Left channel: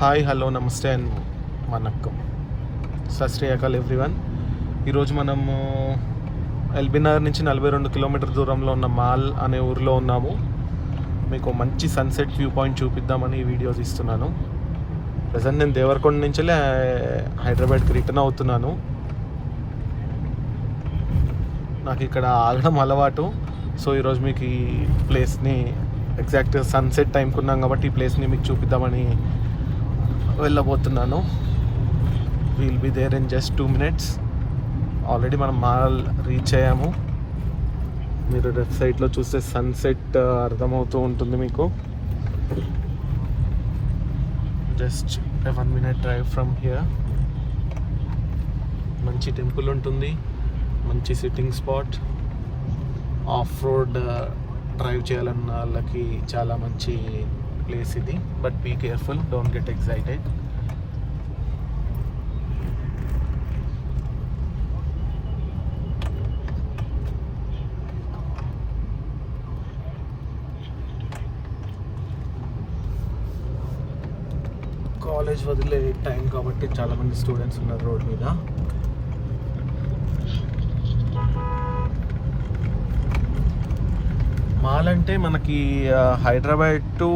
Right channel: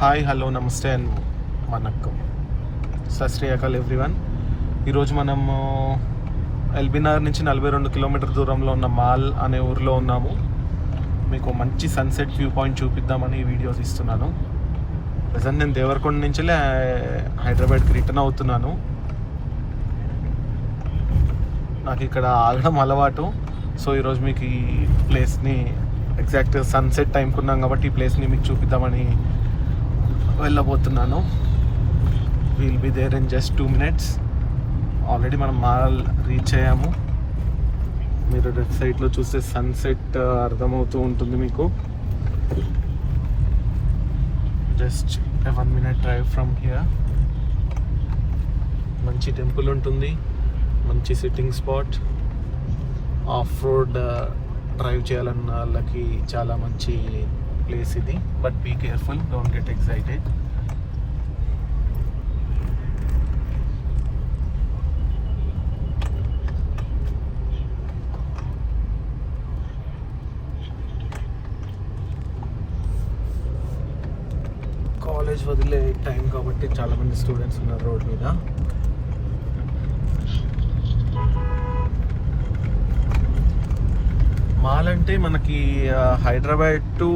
Hi hello నమస్తే and vanakkam సత్ శ్రీ అకాల్ everyone. ఈరోజు మనము ఎల్బీ నగర్ నుంచి 42 కిలోమీటర్ దూరంలో ఉన్న మాల్ అనే ఊరిలో ఉన్నాము. మీకు మంచి సన్సెట్ వ్యూ పాయింట్ చూపిద్దామని ఈ వీడియో తీస్తున్నాను. ప్రజెంట్ నేను దేవరకొండ నుంచి హైదరాబాద్కి రిటర్న్ అవుతున్నాను. నాకు ఇక్కడ ఆగడం అలవాటు. సో ఈరోజు మీకు ఈ ప్లేస్ని ఎగ్జాక్ట్ సన్సెట్ టైంకి ఉన్నాం కాబట్టి ఈ ప్లేస్ని మీకు చూపిద్దామని వెళ్ళబోతున్నాను. Will be there in just 2 minutes. Already మనం మాల్ రీచ్ అయ్యాము. మీరు లెఫ్ట్ సైడ్లో చూస్తే సన్సెట్ అర్థమవుతూ ఉంటుంది మీకు. Just 1 minute drive from here. మంచి టెంపుల్ ఉంటుంది, మంచి sitting spot. Off road drive చేయాలన్న వాళ్ళకి చాలా మంచి ప్లేస్ ఇది. But be careful, don't get excited. College వదిలే టైం కాబట్టి చాలామంది స్టూడెంట్స్ ఉన్నారు రోడ్ మీద. మాల్ అంటే మనకి Hyderabad to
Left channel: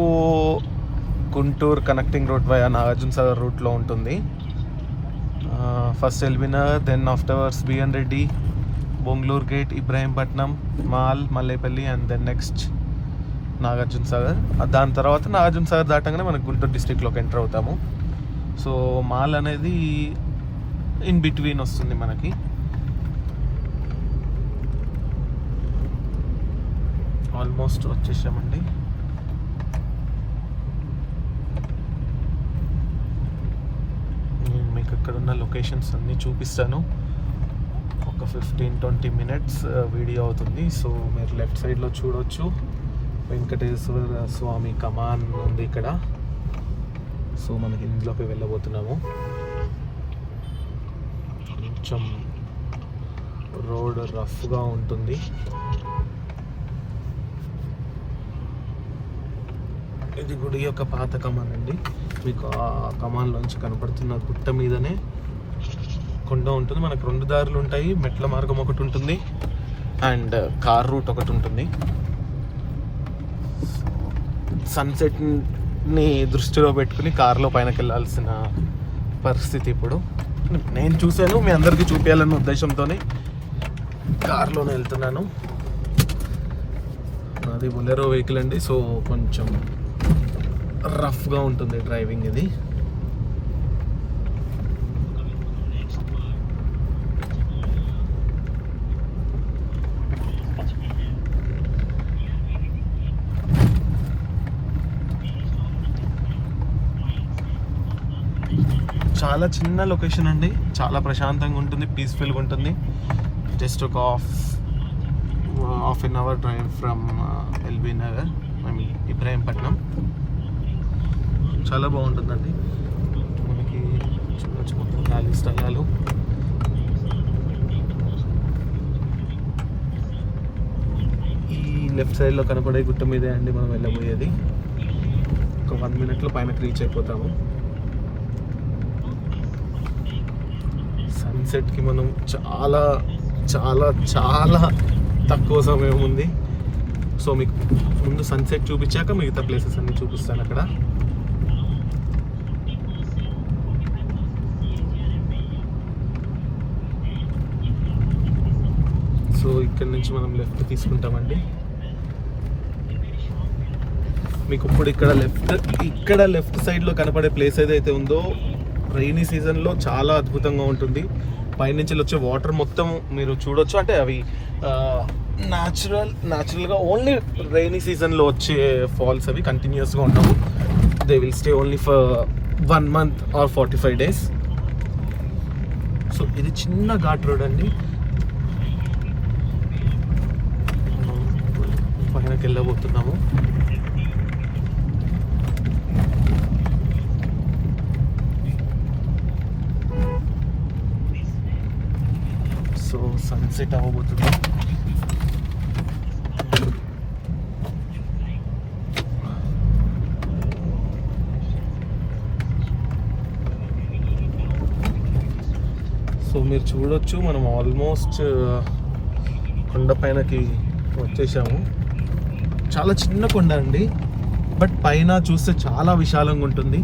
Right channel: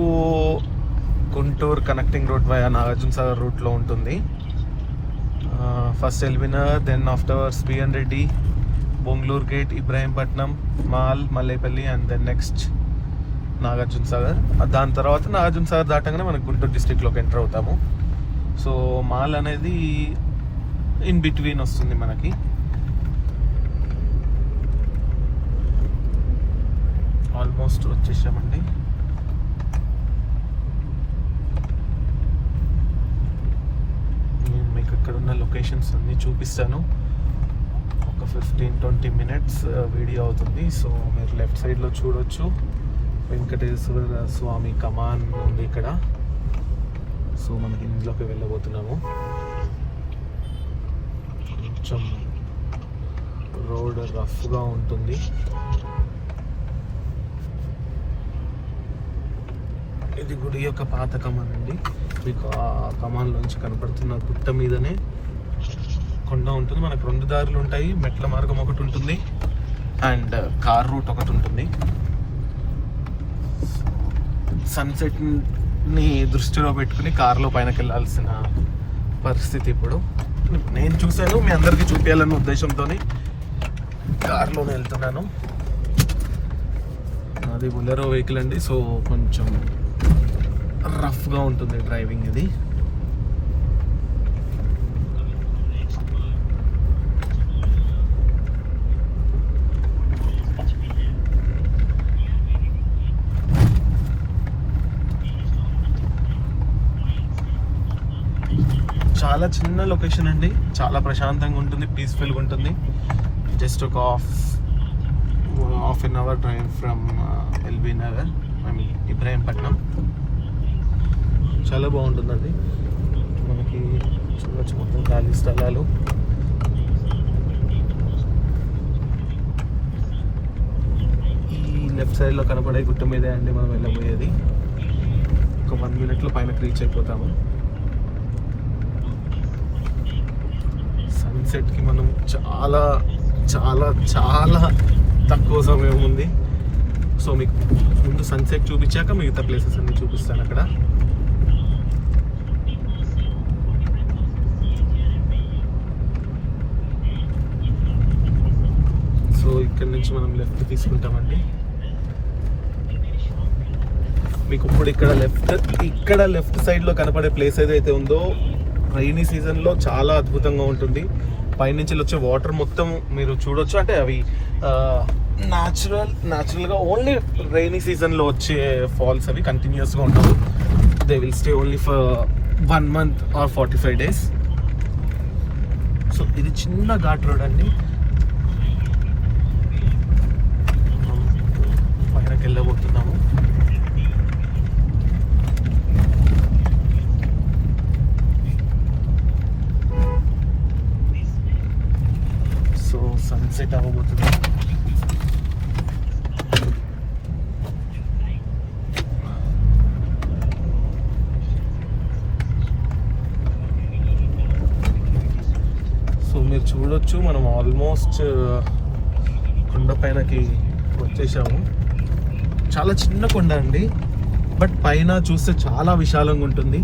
Guntur connecting route via Nagarjuna Sagar రూట్లో ఉంటుంది. First LB Nagar, then afterwards BN Reddy, Bongulur gate, Ibrahimpatnam, Mal, Mallepalli, and then next Nagarjuna Sagar. దాని తర్వాత నాగార్జున సాగర్ దాటంగానే మనకు గుంటూరు డిస్ట్రిక్ట్లోకి ఎంటర్ అవుతాము. సో మాల్ అనేది ఇన్ బిట్వీన్ వస్తుంది మనకి. ఆల్మోస్ట్ వచ్చేసామండి. నేను మీకు ఇక్కడ ఉన్న లొకేషన్స్ అన్నీ చూపిస్తాను. ఒక 15-20 minutes వీడియో అవుతుంది. సో మీరు లెఫ్ట్ సైడ్లో చూడవచ్చు వెంకటేశ్వర స్వామి కమాన్ ఉంది ఇక్కడ. సో మనకి ఇంట్లోకి వెళ్ళబోతున్నాము. కొంచెం రోడ్ రఫ్గా ఉంటుంది. ఇది గుడి యొక్క పాత కమాన్ అండి. మీకు ఆ కమాన్లోంచి కనపడుతున్న గుట్ట మీదనే కొండ ఉంటుంది. మనకు 2 దారులు ఉంటాయి. మెట్ల మార్గం ఒకటి ఉంటుంది అండ్ కార్ రూట్ ఒకటి ఉంటుంది. సన్సెట్ని దృష్టిలో పెట్టుకుని కార్లో పైనకి వెళ్ళాల్సిన పరిస్థితి ఇప్పుడు. నేను చూశాను, మీ అందరికీ చూపించాలన్న ఉద్దేశంతోనే కార్లోనే వెళ్తున్నాను. నాది బొలెరో వెహికల్ అండి. సో కొంచెం రఫ్గా ఉంటుంది డ్రైవింగ్ ఇది. చాలా చిన్న లొకేషన్ అండి, చాలా ప్రశాంతంగా ఉంటుంది, పీస్ఫుల్గా ఉంటుంది. జస్ట్ ఒక half an hour drive from LB Nagar, I mean Ibrahimpatnam. చాలా బాగుంటుందండి. మనకి చిన్న చిన్న ఖాళీ స్థలాలు. ఈ లెఫ్ట్ సైడ్లో కనపడే గుట్ట మీదే అండి మనం వెళ్ళబోయేది. ఒక 1 minute పైన రీచ్ అయిపోతాము. సన్సెట్కి మనం చాలా చాలా చాలా తక్కువ సమయం ఉంది. సో మీకు ముందు సన్సెట్ చూపించాక మిగతా ప్లేసెస్ అన్ని చూపిస్తాను అక్కడ. సో ఇక్కడ నుంచి మనం లెఫ్ట్ తీసుకుంటామండి. మీకు ఇప్పుడు ఇక్కడ లెఫ్ట్ సైడ్లో కనపడే ప్లేస్ ఏదైతే ఉందో రైనీ సీజన్లో చాలా అద్భుతంగా ఉంటుంది. పైనుంచి వచ్చే వాటర్ మొత్తం మీరు చూడొచ్చు. అంటే అవి న్యాచురల్గా ఓన్లీ రైనీ సీజన్లో వచ్చే ఫాల్స్. అవి కంటిన్యూస్గా ఉంటుంది. They will stay only for 1 month or 45 days. So ఇది చిన్న ఘాట్ రోడ్ అండి. పైనకి వెళ్ళబోతున్నాము. సో సన్సెట్ అవ్వబోతుంది. సో మీరు చూడొచ్చు, మనం ఆల్మోస్ట్ కొండ పైనకి వచ్చేసాము. చాలా చిన్న కొండ అండి, బట్ పైన చూస్తే చాలా విశాలంగా ఉంటుంది.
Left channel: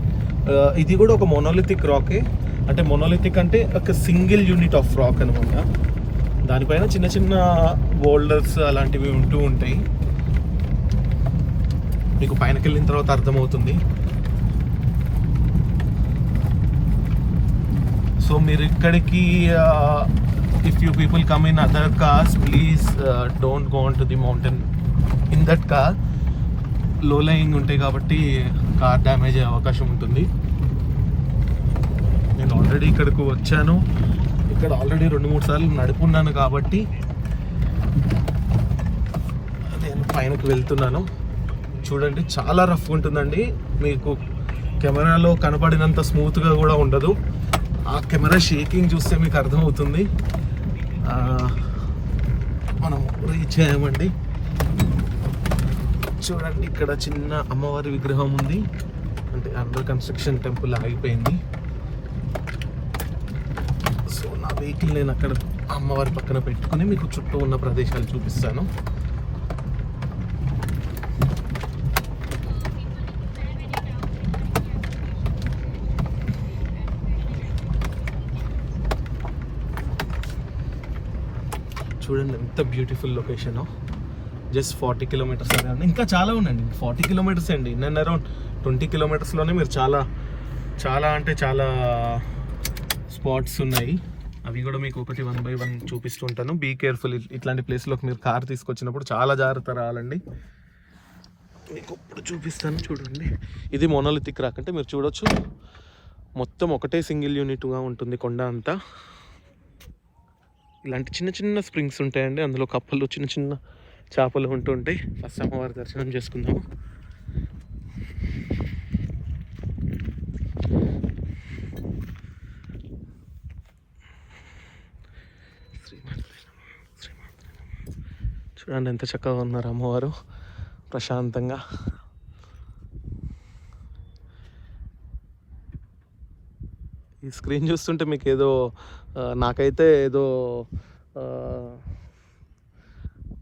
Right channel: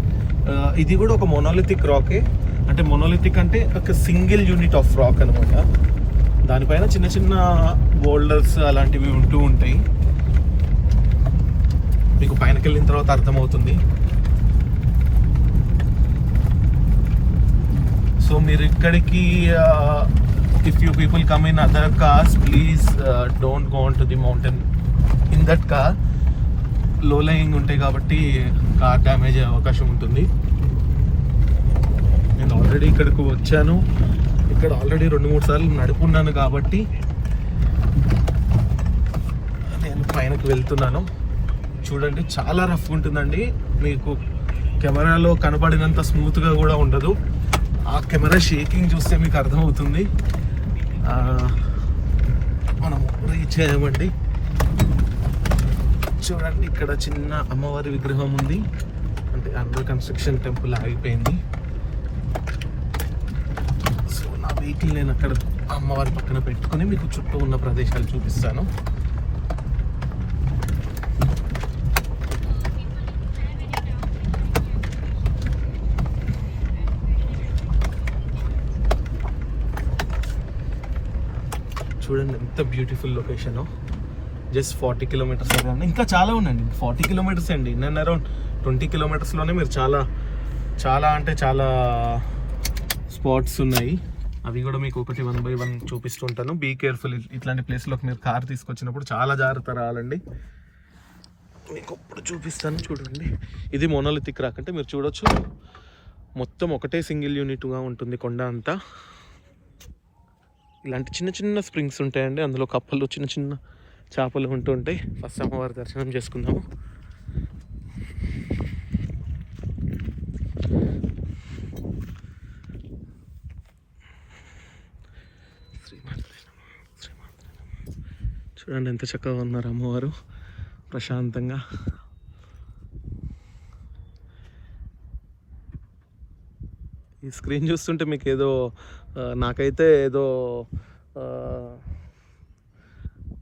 ఇది కూడా ఒక మొనోలిథిక్ రాకే, అంటే మొనోలిథిక్ అంటే ఒక సింగిల్ యూనిట్ ఆఫ్ రాక్ అనమాట. దానిపైన చిన్న చిన్న బోల్డర్స్ అలాంటివి ఉంటూ ఉంటాయి. మీకు పైనకి వెళ్ళిన తర్వాత అర్థమవుతుంది. సో మీరు ఇక్కడికి if you people come in other cars, please don't go on to the mountain in that car. లో లయింగ్ ఉంటాయి కాబట్టి కార్ డ్యామేజ్ అయ్యే అవకాశం ఉంటుంది. నేను ఆల్రెడీ ఇక్కడికి వచ్చాను, ఇక్కడ ఆల్రెడీ 2-3 సార్లు నడుపున్నాను కాబట్టి నేను పైనకి వెళ్తున్నాను. చూడండి, చాలా రఫ్ ఉంటుందండి. మీకు కెమెరాలో కనపడినంత స్మూత్గా కూడా ఉండదు. ఆ కెమెరా షేకింగ్ చూస్తే మీకు అర్థమవుతుంది. మనం రీచ్ అయ్యామండి. చూడండి, ఇక్కడ చిన్న అమ్మవారి విగ్రహం ఉంది, అంటే అండర్ కన్స్ట్రక్షన్ టెంపుల్ ఆగిపోయింది. సో నా వెహికల్ నేను అక్కడ అమ్మవారి పక్కన పెట్టుకుని మీకు చుట్టూ ఉన్న ప్రదేశాలు చూపిస్తాను. చూడండి ఎంత బ్యూటిఫుల్ లొకేషన్. Just 40 kilometres. ఇంకా చాలా ఉందండి, 40 కిలోమీటర్స్ అండి. నేను అరౌండ్ 20 కిలోమీటర్స్లోనే మీరు చాలా చాలా అంటే చాలా స్పాట్స్ ఉన్నాయి. అవి కూడా మీకు ఒకటి 1 by 1 చూపిస్తుంటాను. బీ కేర్ఫుల్, ఇట్లాంటి ప్లేస్లోకి మీరు కార్ తీసుకొచ్చినప్పుడు చాలా జాగ్రత్త రావాలండి. మీకు ఇప్పుడు చూపిస్తాను. చూడండి, ఇది మోనోలిథిక్ రాక్, అంటే మీరు చూడొచ్చు మొత్తం ఒకటే సింగిల్ యూనిట్గా ఉంటుంది కొండ అంతా. ఇలాంటి చిన్న చిన్న స్ప్రింగ్స్ ఉంటాయండి, అందులో కప్పలు చిన్న చిన్న చేపలు ఉంటూ ఉంటాయి. ఫస్ట్ అమ్మవారి దర్శనం చేసుకుందాము. చూడండి ఎంత చక్కగా ఉన్నారు అమ్మవారు, ప్రశాంతంగా. ఈ స్క్రీన్ చూస్తుంటే మీకు ఏదో, నాకైతే ఏదో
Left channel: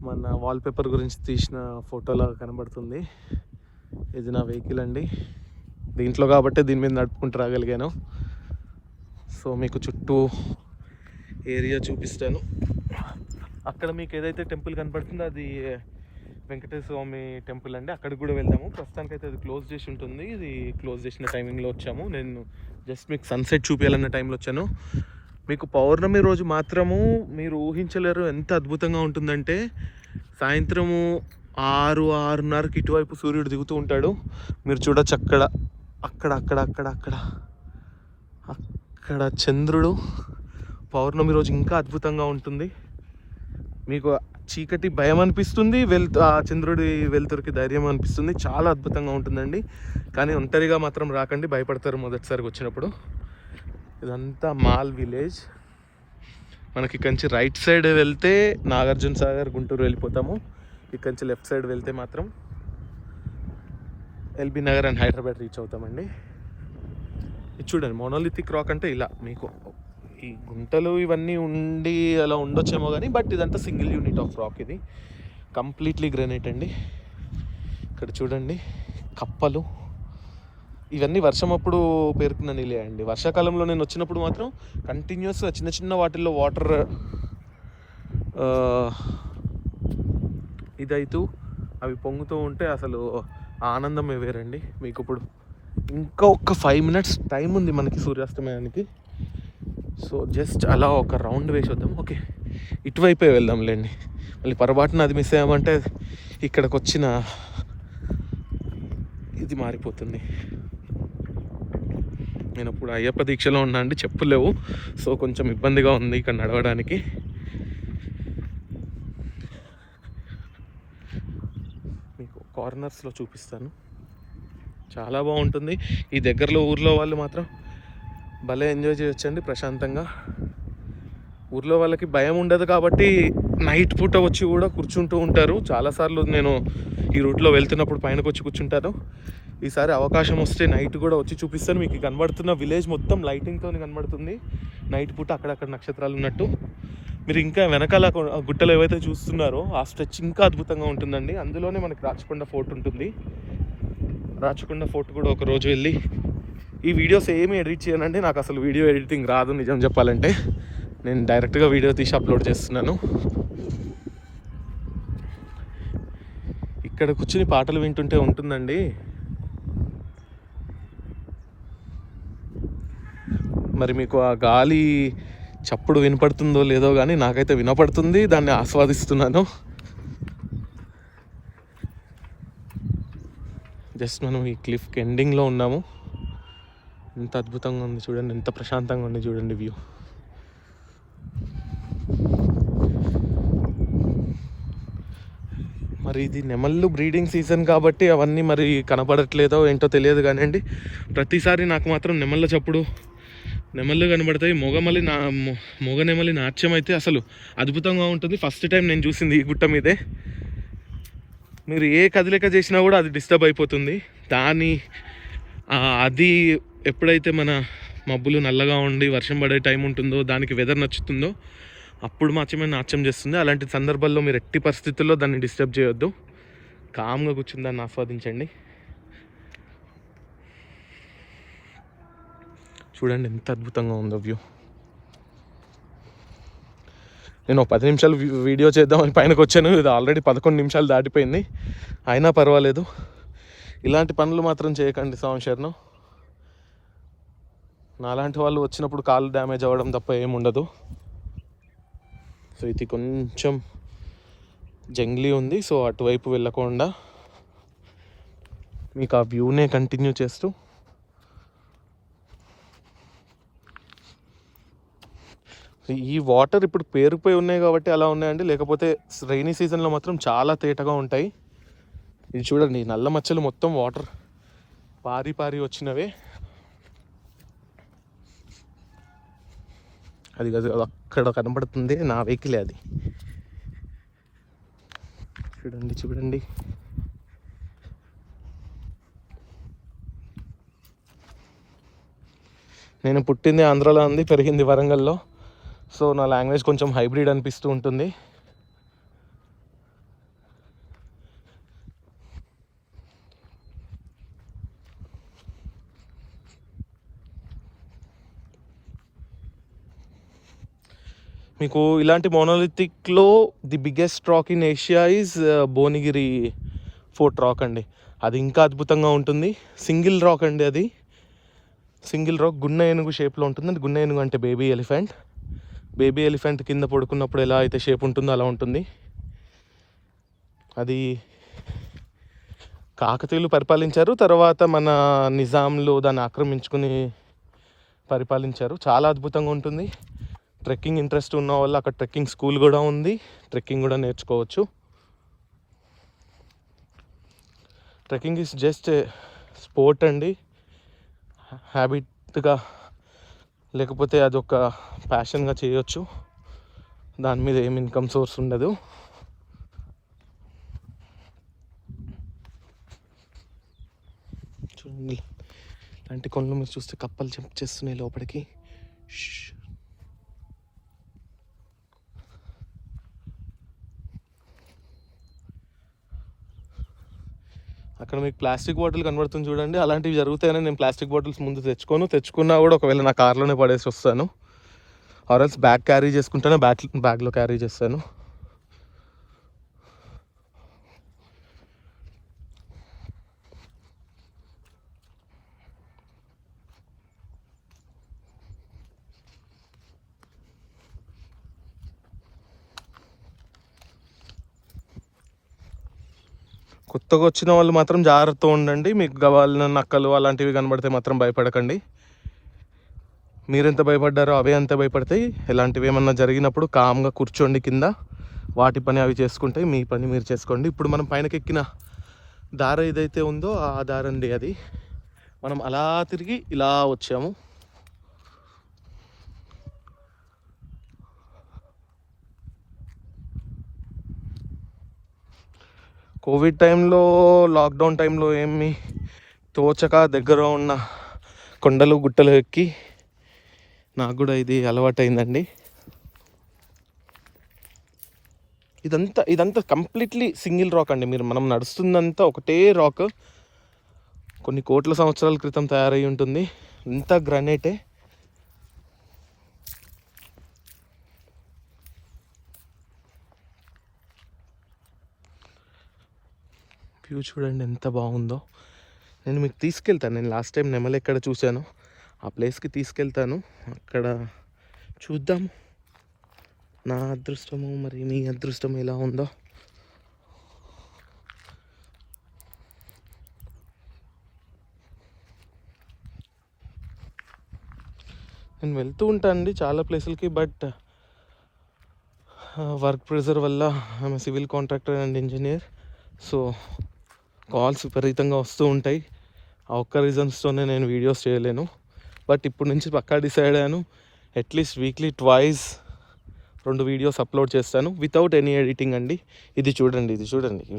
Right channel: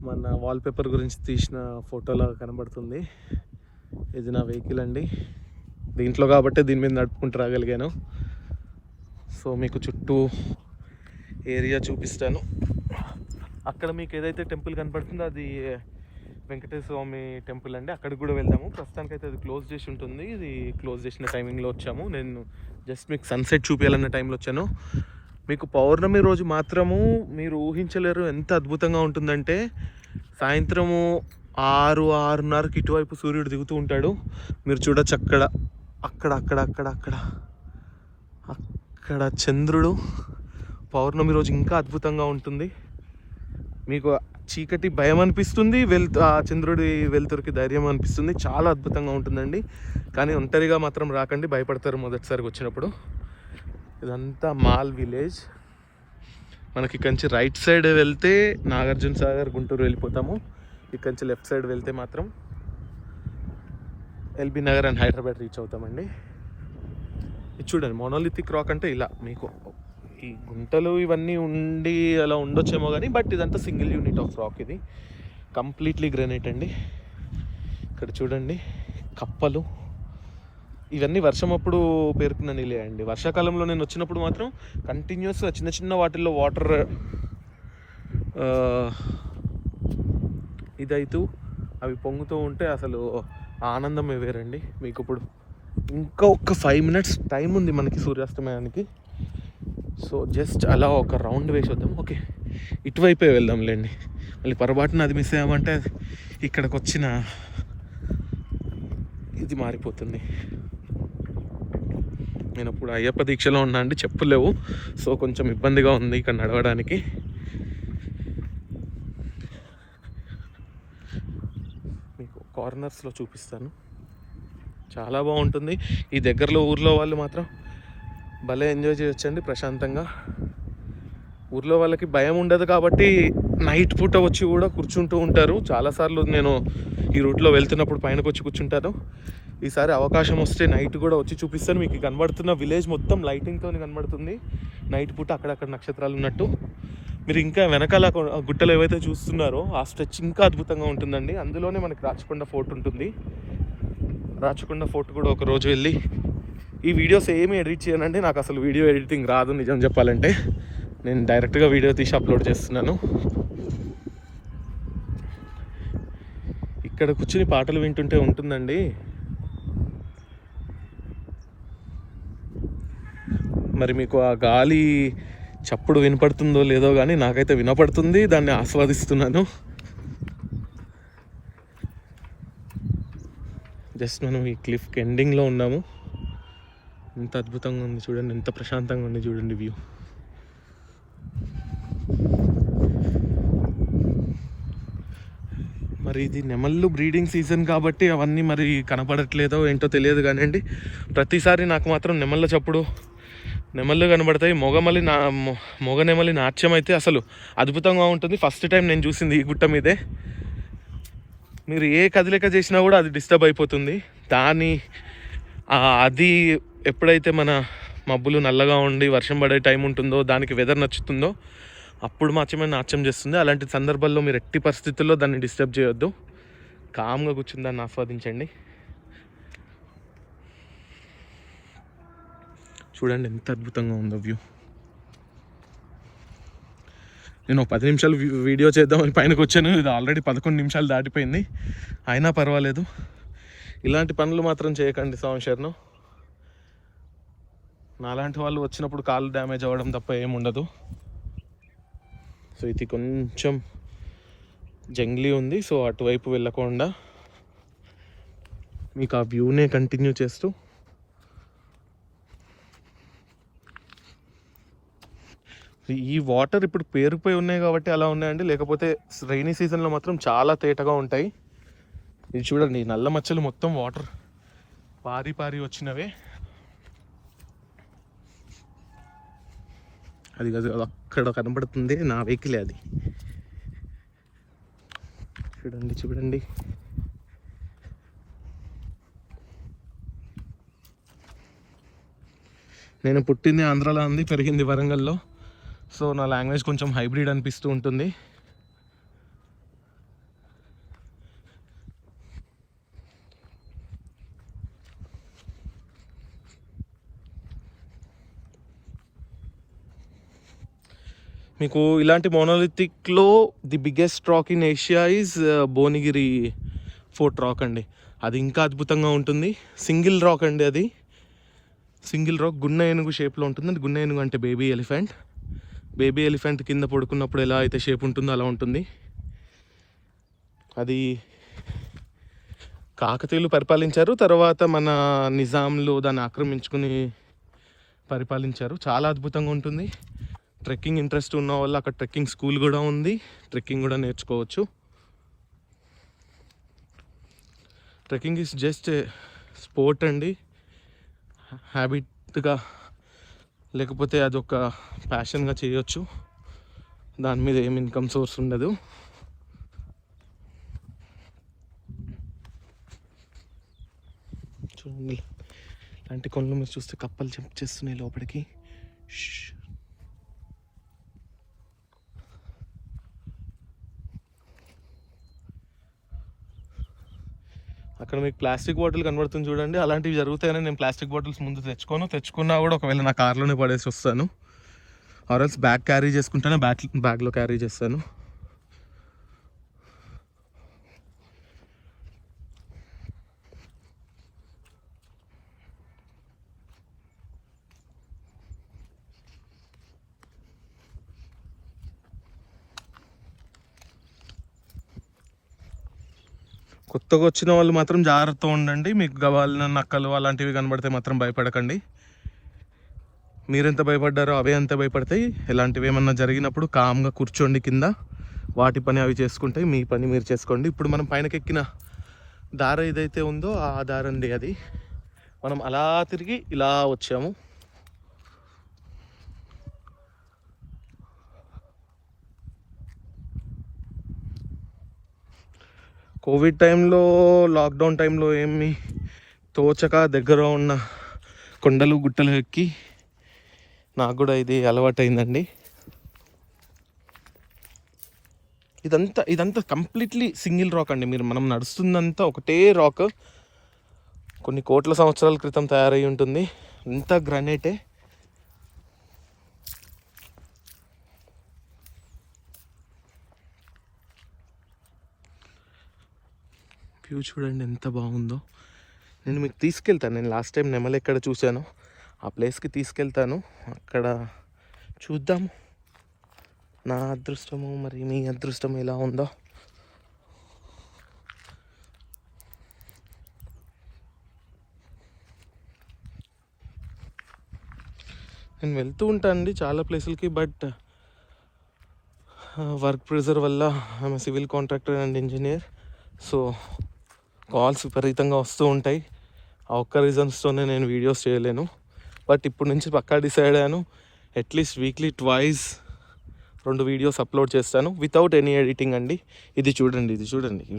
మన వాల్పేపర్ గురించి తీసిన ఫోటోలో కనబడుతుంది. ఇది నా వెహికల్ అండి, దీంట్లో కాబట్టి దీని మీద నడుపుకుంటూ రాగలిగాను. సో మీకు చుట్టూ ఏరియా చూపిస్తాను. అక్కడ మీకు ఏదైతే టెంపుల్ కనపడుతుందో అది వెంకటేశ్వర స్వామి టెంపుల్ అండి, అక్కడికి కూడా వెళ్దాము. ప్రస్తుతానికైతే అది క్లోజ్ చేసి ఉంటుంది. ఇది క్లోజ్ చేసిన టైమింగ్లో వచ్చాము. నేను జస్ట్ మీకు సన్సెట్ చూపించాలన్న టైంలో వచ్చాను. మీకు పౌర్ణమి రోజు మాత్రము మీరు ఊహించలేరు ఎంత అద్భుతంగా ఉంటుందంటే, సాయంత్రము 6-6:30కి ఇటువైపు సూర్యుడు దిగుతూ ఉంటాడు. మీరు చూడొచ్చు అక్కడ అక్కడ అక్కడ అక్కడ అక్కడ అక్కడ చంద్రుడు. పౌర్ణమి రోజు ఇంకా అద్భుతంగా ఉంటుంది. మీకు చీకటి భయం అనిపిస్తుంది, ఆ చంద్రుడి వెలుతురికి ధైర్యం అనిపిస్తుంది. చాలా అద్భుతంగా ఉంటుందండి. కానీ ఒంటరిగా మాత్రం రాకండి, భయపడతారు మొదటిసారికి వచ్చినప్పుడు. ఇదంతా మాల్ విలేజ్. మనకి ఇక్కడి నుంచి రైట్ సైడ్ వెళ్తే నాగార్జున సాగర్, గుంటూరు వెళ్ళిపోతాము. ఇక్కడి నుంచి లెఫ్ట్ సైడ్ వెళ్తే మాత్రం ఎల్బీ నగర్ అండ్ హైదరాబాద్ రీచ్ అవుతామండి. ఇది చూడండి, మోనోలిథిక్ రాక్ అంటే ఇలా మీకు ఈ గుంటలు ఇవన్నీ ఉండి అలా ఉండొచ్చేమో కానీ, బట్ ఇదంతా సింగిల్ యూనిట్ ఆఫ్ రాక్. ఇది కంప్లీట్లీ గ్రానైట్ అండి. ఇక్కడ చూడండి కప్పలు, ఇవన్నీ వర్షం అప్పుడు పేరుకున్న నీళ్ళే అండి. వర్షాకాలంలో నేను వచ్చినప్పుడు మాత్రం కంటిన్యూస్గా చిన్న చిన్న వాటిల్లో వాటర్ ఇదైతూ అవి పొంగుతూ ఉంటే అసలు ఆనందమే వేరండి. మీకు ఇప్పుడు ఇంకా ఒక 5 minutes టైం ఉంది మనకి సూర్యాస్తమయానికి. సో జస్ట్ అలా ఒక రౌండ్ వేసి వద్దాం. ఓకే, ఇటువైపే వెళ్దాంలేండి. మళ్ళీ పొరపాటున అది మిస్ అయ్యామంటే ఇక్కడికి వచ్చిన ఇది మారిపోతుంది. నేను ఇప్పుడు అయ్యప్ప దీక్షలో ఉన్నా అండి, చెప్పులు లేవు. సో కొంచెం ఇబ్బందిగా ఉంది ఇక్కడ నడవడానికి. మీకు కార్నర్స్లో చూపిస్తాను, చాలా బాగుంటుంది. ఈ దగ్గరలో ఊర్లో వాళ్ళు మాత్రం భలే ఎంజాయ్ చేయొచ్చండి ప్రశాంతంగా. ఊర్లో వాళ్ళకి భయం ఉండదు కాబట్టి నైట్ పూట వచ్చి కూడా కూర్చుంటూ ఉంటారు. చాలాసార్లు నేను ఈ రూట్లో వెళ్తున్నప్పుడు పైనకు వచ్చి కూర్చుంటాను. ఈసారి అవకాశం వస్తే నైట్ కూడా వచ్చి చూపిస్తాను మీకు. కనబడుతున్న విలేజ్ మొత్తం లైటింగ్తో కనబడుతుంది నైట్ పూట, అక్కడక్కడ నక్షత్రాలు ఉన్నట్టు. మీరు ఇంకా వెనకాల గుట్టలు ఏవైతే చూస్తున్నారో ఆ స్ట్రెచ్ ఇంకా అద్భుతంగా ఉంటుందండి. అందులోనే మనకి రాచకొండ ఫోర్ట్ ఉంటుంది. రాచకొండ ఫోర్ట్ కూడా ఒకరోజు వెళ్ళి, ఈ వీడియోస్ ఏమి ఎడిట్ చేయనండి, నాకు అసలు వీడియో ఎడిటింగ్ రాదు నిజం చెప్పాలంటే. నేను డైరెక్ట్గా వీడియో తీసి అప్లోడ్ చేస్తున్నాను. ఇక్కడ కూర్చుని పాటలు వింటుంటే ఉంటుందండి. మరి మీకు ఆ గాలి చప్పుడు వినపడుతుందో లేదో కానీ నాకైతే వినపడుతుంది, దాన్ని ఆస్వాదిస్తున్నాను. జస్ట్ మనం ఈ క్లిఫ్కి ఎండింగ్లో ఉన్నాము. ఎంత అద్భుతంగా ఉంది చూడండి, ఎంత ప్రశాంతంగా ఉంది చూడండి వ్యూ. మరి ఇది నెమళ్ళు బ్రీడింగ్ సీజన్ కాబట్టి అవన్నీ మరి కనపడట్లేదో ఏంటో తెలియదు కానివ్వండి. ప్రతిసారి నాకు మాత్రం నెమళ్ళ చప్పుడు, నెమళ్ళు కనబడతాయి. మొగ నెమలి నాట్యం అయితే అసలు అద్భుతంగా ఉంటుంది. ఫస్ట్ టైం నేను చూసింది ఈ గుట్ట మీదే. మీరు ఏ కదలిక చేసినా కూడా అది డిస్టర్బ్ అయిపోతుంది. అది ఎప్పుడైతే మన మబ్బులు నల్లగా ఉండి వర్షం పడే టైం ఉంటుందో, దానికి వెదర్ నచ్చుతుందో అప్పుడు మాత్రమే నాట్యం చేస్తుంది. అలాంటి సందర్భాల్లో మీరు ఎట్టి పరిస్థితుల్లో దాన్ని డిస్టర్బ్ చేయొద్దు. కామ్గా కూర్చుని దాన్ని ఆస్వాదించండి. చూడండి ఎంత అద్భుతంగా ఉందో వ్యూ. నేను 10 నిమిషాలు వీడియో చేద్దామని పైనకి వచ్చాను. ఇది ఆల్రెడీ 11 నిమిషాలు దాటిపోయింది. అయినా పర్వాలేదు. ఇలాంటి పనులు మాత్రం చేయకండి సంవత్సరం. నాలాంటి వాళ్ళు వచ్చినప్పుడు కాళ్ళు డ్యామేజ్ అవ్వడం తప్ప ఏముండదు. సో ఇది కొంచెం జంగ్లీ ఉంది, సో అటువైపు వెళ్ళకుండా మీకు ఆ వ్యూనే కంటిన్యూ చేస్తూ ఈ వాటర్ ఇప్పుడు పేరుకుపోయి ఉన్నాయి కాబట్టి అలా ఉన్నాయండి. లేకపోతే రైనీ సీజన్లో మాత్రం చాలా తేటగా ఉంటాయి. ఇది చూడండి, నల్ల మచ్చలు మొత్తం వాటర్ పారి వచ్చినవే. అది అక్కడ కనబడుతుంది నా వెహికల్, అది చూడండి. నేను పుట్టింది ఆంధ్రాలో ఉంది, పెరిగింది వరంగల్లో. సో నా లాంగ్వేజ్ కొంచెం హైబ్రిడ్ అనిపిస్తూ ఉంటుంది. మీకు ఇలాంటి మోనోలిథిక్లో the biggest rock in Asia is Bhuvanagiri fort rock అండి. అది ఇంకా అద్భుతంగా ఉంటుంది. సింగిల్ రాక్ అండి, అది సింగిల్ రాక్. గున్న ఏనుగు షేప్లో ఉంటుంది. అది గున్న ఏనుగు అంటే బేబీ ఎలిఫెంట్. బేబీ ఎలిఫెంట్ కింద పడుకున్నప్పుడు ఎలా అయితే షేప్ ఉంటుందో అలా ఉంటుంది. అది కాకతీయులు పరిపాలించారు, తర్వాత మన నిజాంలు దాన్ని ఆక్రమించుకుని పరిపాలించారు. చాలా అద్భుతంగా ఉంటుంది. ట్రెక్కింగ్ ఇంట్రెస్ట్ ఉన్న వాళ్ళు అక్కడ ట్రెక్కింగ్ స్కూల్ కూడా ఉంది, ట్రెక్కింగ్ కూడా నేర్చుకోవచ్చు. ట్రెక్కింగ్ ఈజ్ జస్ట్ స్పోర్ట్ అండి, హ్యాబిట్గా లేకపోతే అదొక ప్యాషన్గా చేయొచ్చు. దాని మీద ఏం ఇన్కమ్ సోర్స్ ఉండదు. చూడండి, ఇలాంటి కొండలు మీరు చూస్తే కప్పలు జంప్ చేస్తున్నాయి లోపలికి. అక్కడ మీకు ప్లాస్టిక్ బాటిల్ కనబడుతుంది చూడండి. అలాంటివి జరుగుతాయని నేను ప్లాస్టిక్ బాటిల్స్ ముందు తెచ్చుకున్నా కూడా ఒకవేళ నా కార్లోనే పడేసి వస్తాను. ఆర్ఎల్స్ బ్యాగ్ క్యారీ చేసుకుంటేనే బ్యాగ్లో క్యారీ చేస్తాను. కొత్తగా వచ్చిన వాళ్ళు మాత్రం జాగ్రత్తగా ఉండండి. మీకు కావాలిన నక్కలు అలాంటివి కనబడితే మాత్రం భయపడకండి. మీరెంత భయపడ్డారో అవే అంత భయపడతాయి. ఇలాంటివి ఏమన్నా జరిగినప్పుడు కామ్గా కూర్చోండి కింద, వాటి పని అవి చేసుకుంటే మీ పని మీరు చేసుకోండి. ఇప్పుడు మనం పైనకి ఎక్కిన దారి ఏదైతే ఉందో ఆ దారి అండి అది. మనం అలా తిరిగి ఇలా వచ్చాము. కోవిడ్ టైంలో, లాక్డౌన్ టైంలో ఏమి తోచక దగ్గర ఉన్న కొండలు గుట్టలు ఎక్కి నాకు కూడా ఇది అలవాటైందండి. ఇదంతా కంప్లీట్లీ సింగిల్ రాక్ అండి. మనం నడుస్తుందంతా ఒకటే రాక్. కొన్ని కోట్ల సంవత్సరాల క్రితం తయారై ఉంటుంది. అంతా గ్రానైటే. వ్యూ చూడండి ఎంత బాగుందో. నేను మీకు తీసుకెళ్తాను. నేను లాస్ట్ టైం నెమలి ఎక్కడ చూశాను ఆ ప్లేస్కి తీసుకెళ్తాను. అక్కడ చూద్దాం నా అదృష్టము మరి మీ అదృష్టం ఎలా ఉందో. నేను వెళ్తూ ఉంటాను అండి చాలా ప్లేసులకి. బట్ వర్క్ ప్రెజర్ వల్ల ఆమె civil contractor and engineer. So calls విపరీతంగా వస్తూ ఉంటాయి. ఆ ఒక్క రీజన్స్తోనే నేను వీడియోస్ చేయలేను. బట్ ఇప్పటి నుంచి పక్కా డిసైడ్ అయ్యాను, at least weekly twice 2 videos upload చేస్తాను వితౌట్ ఎనీ ఎడిటింగ్ అండి. ఇది చూడండి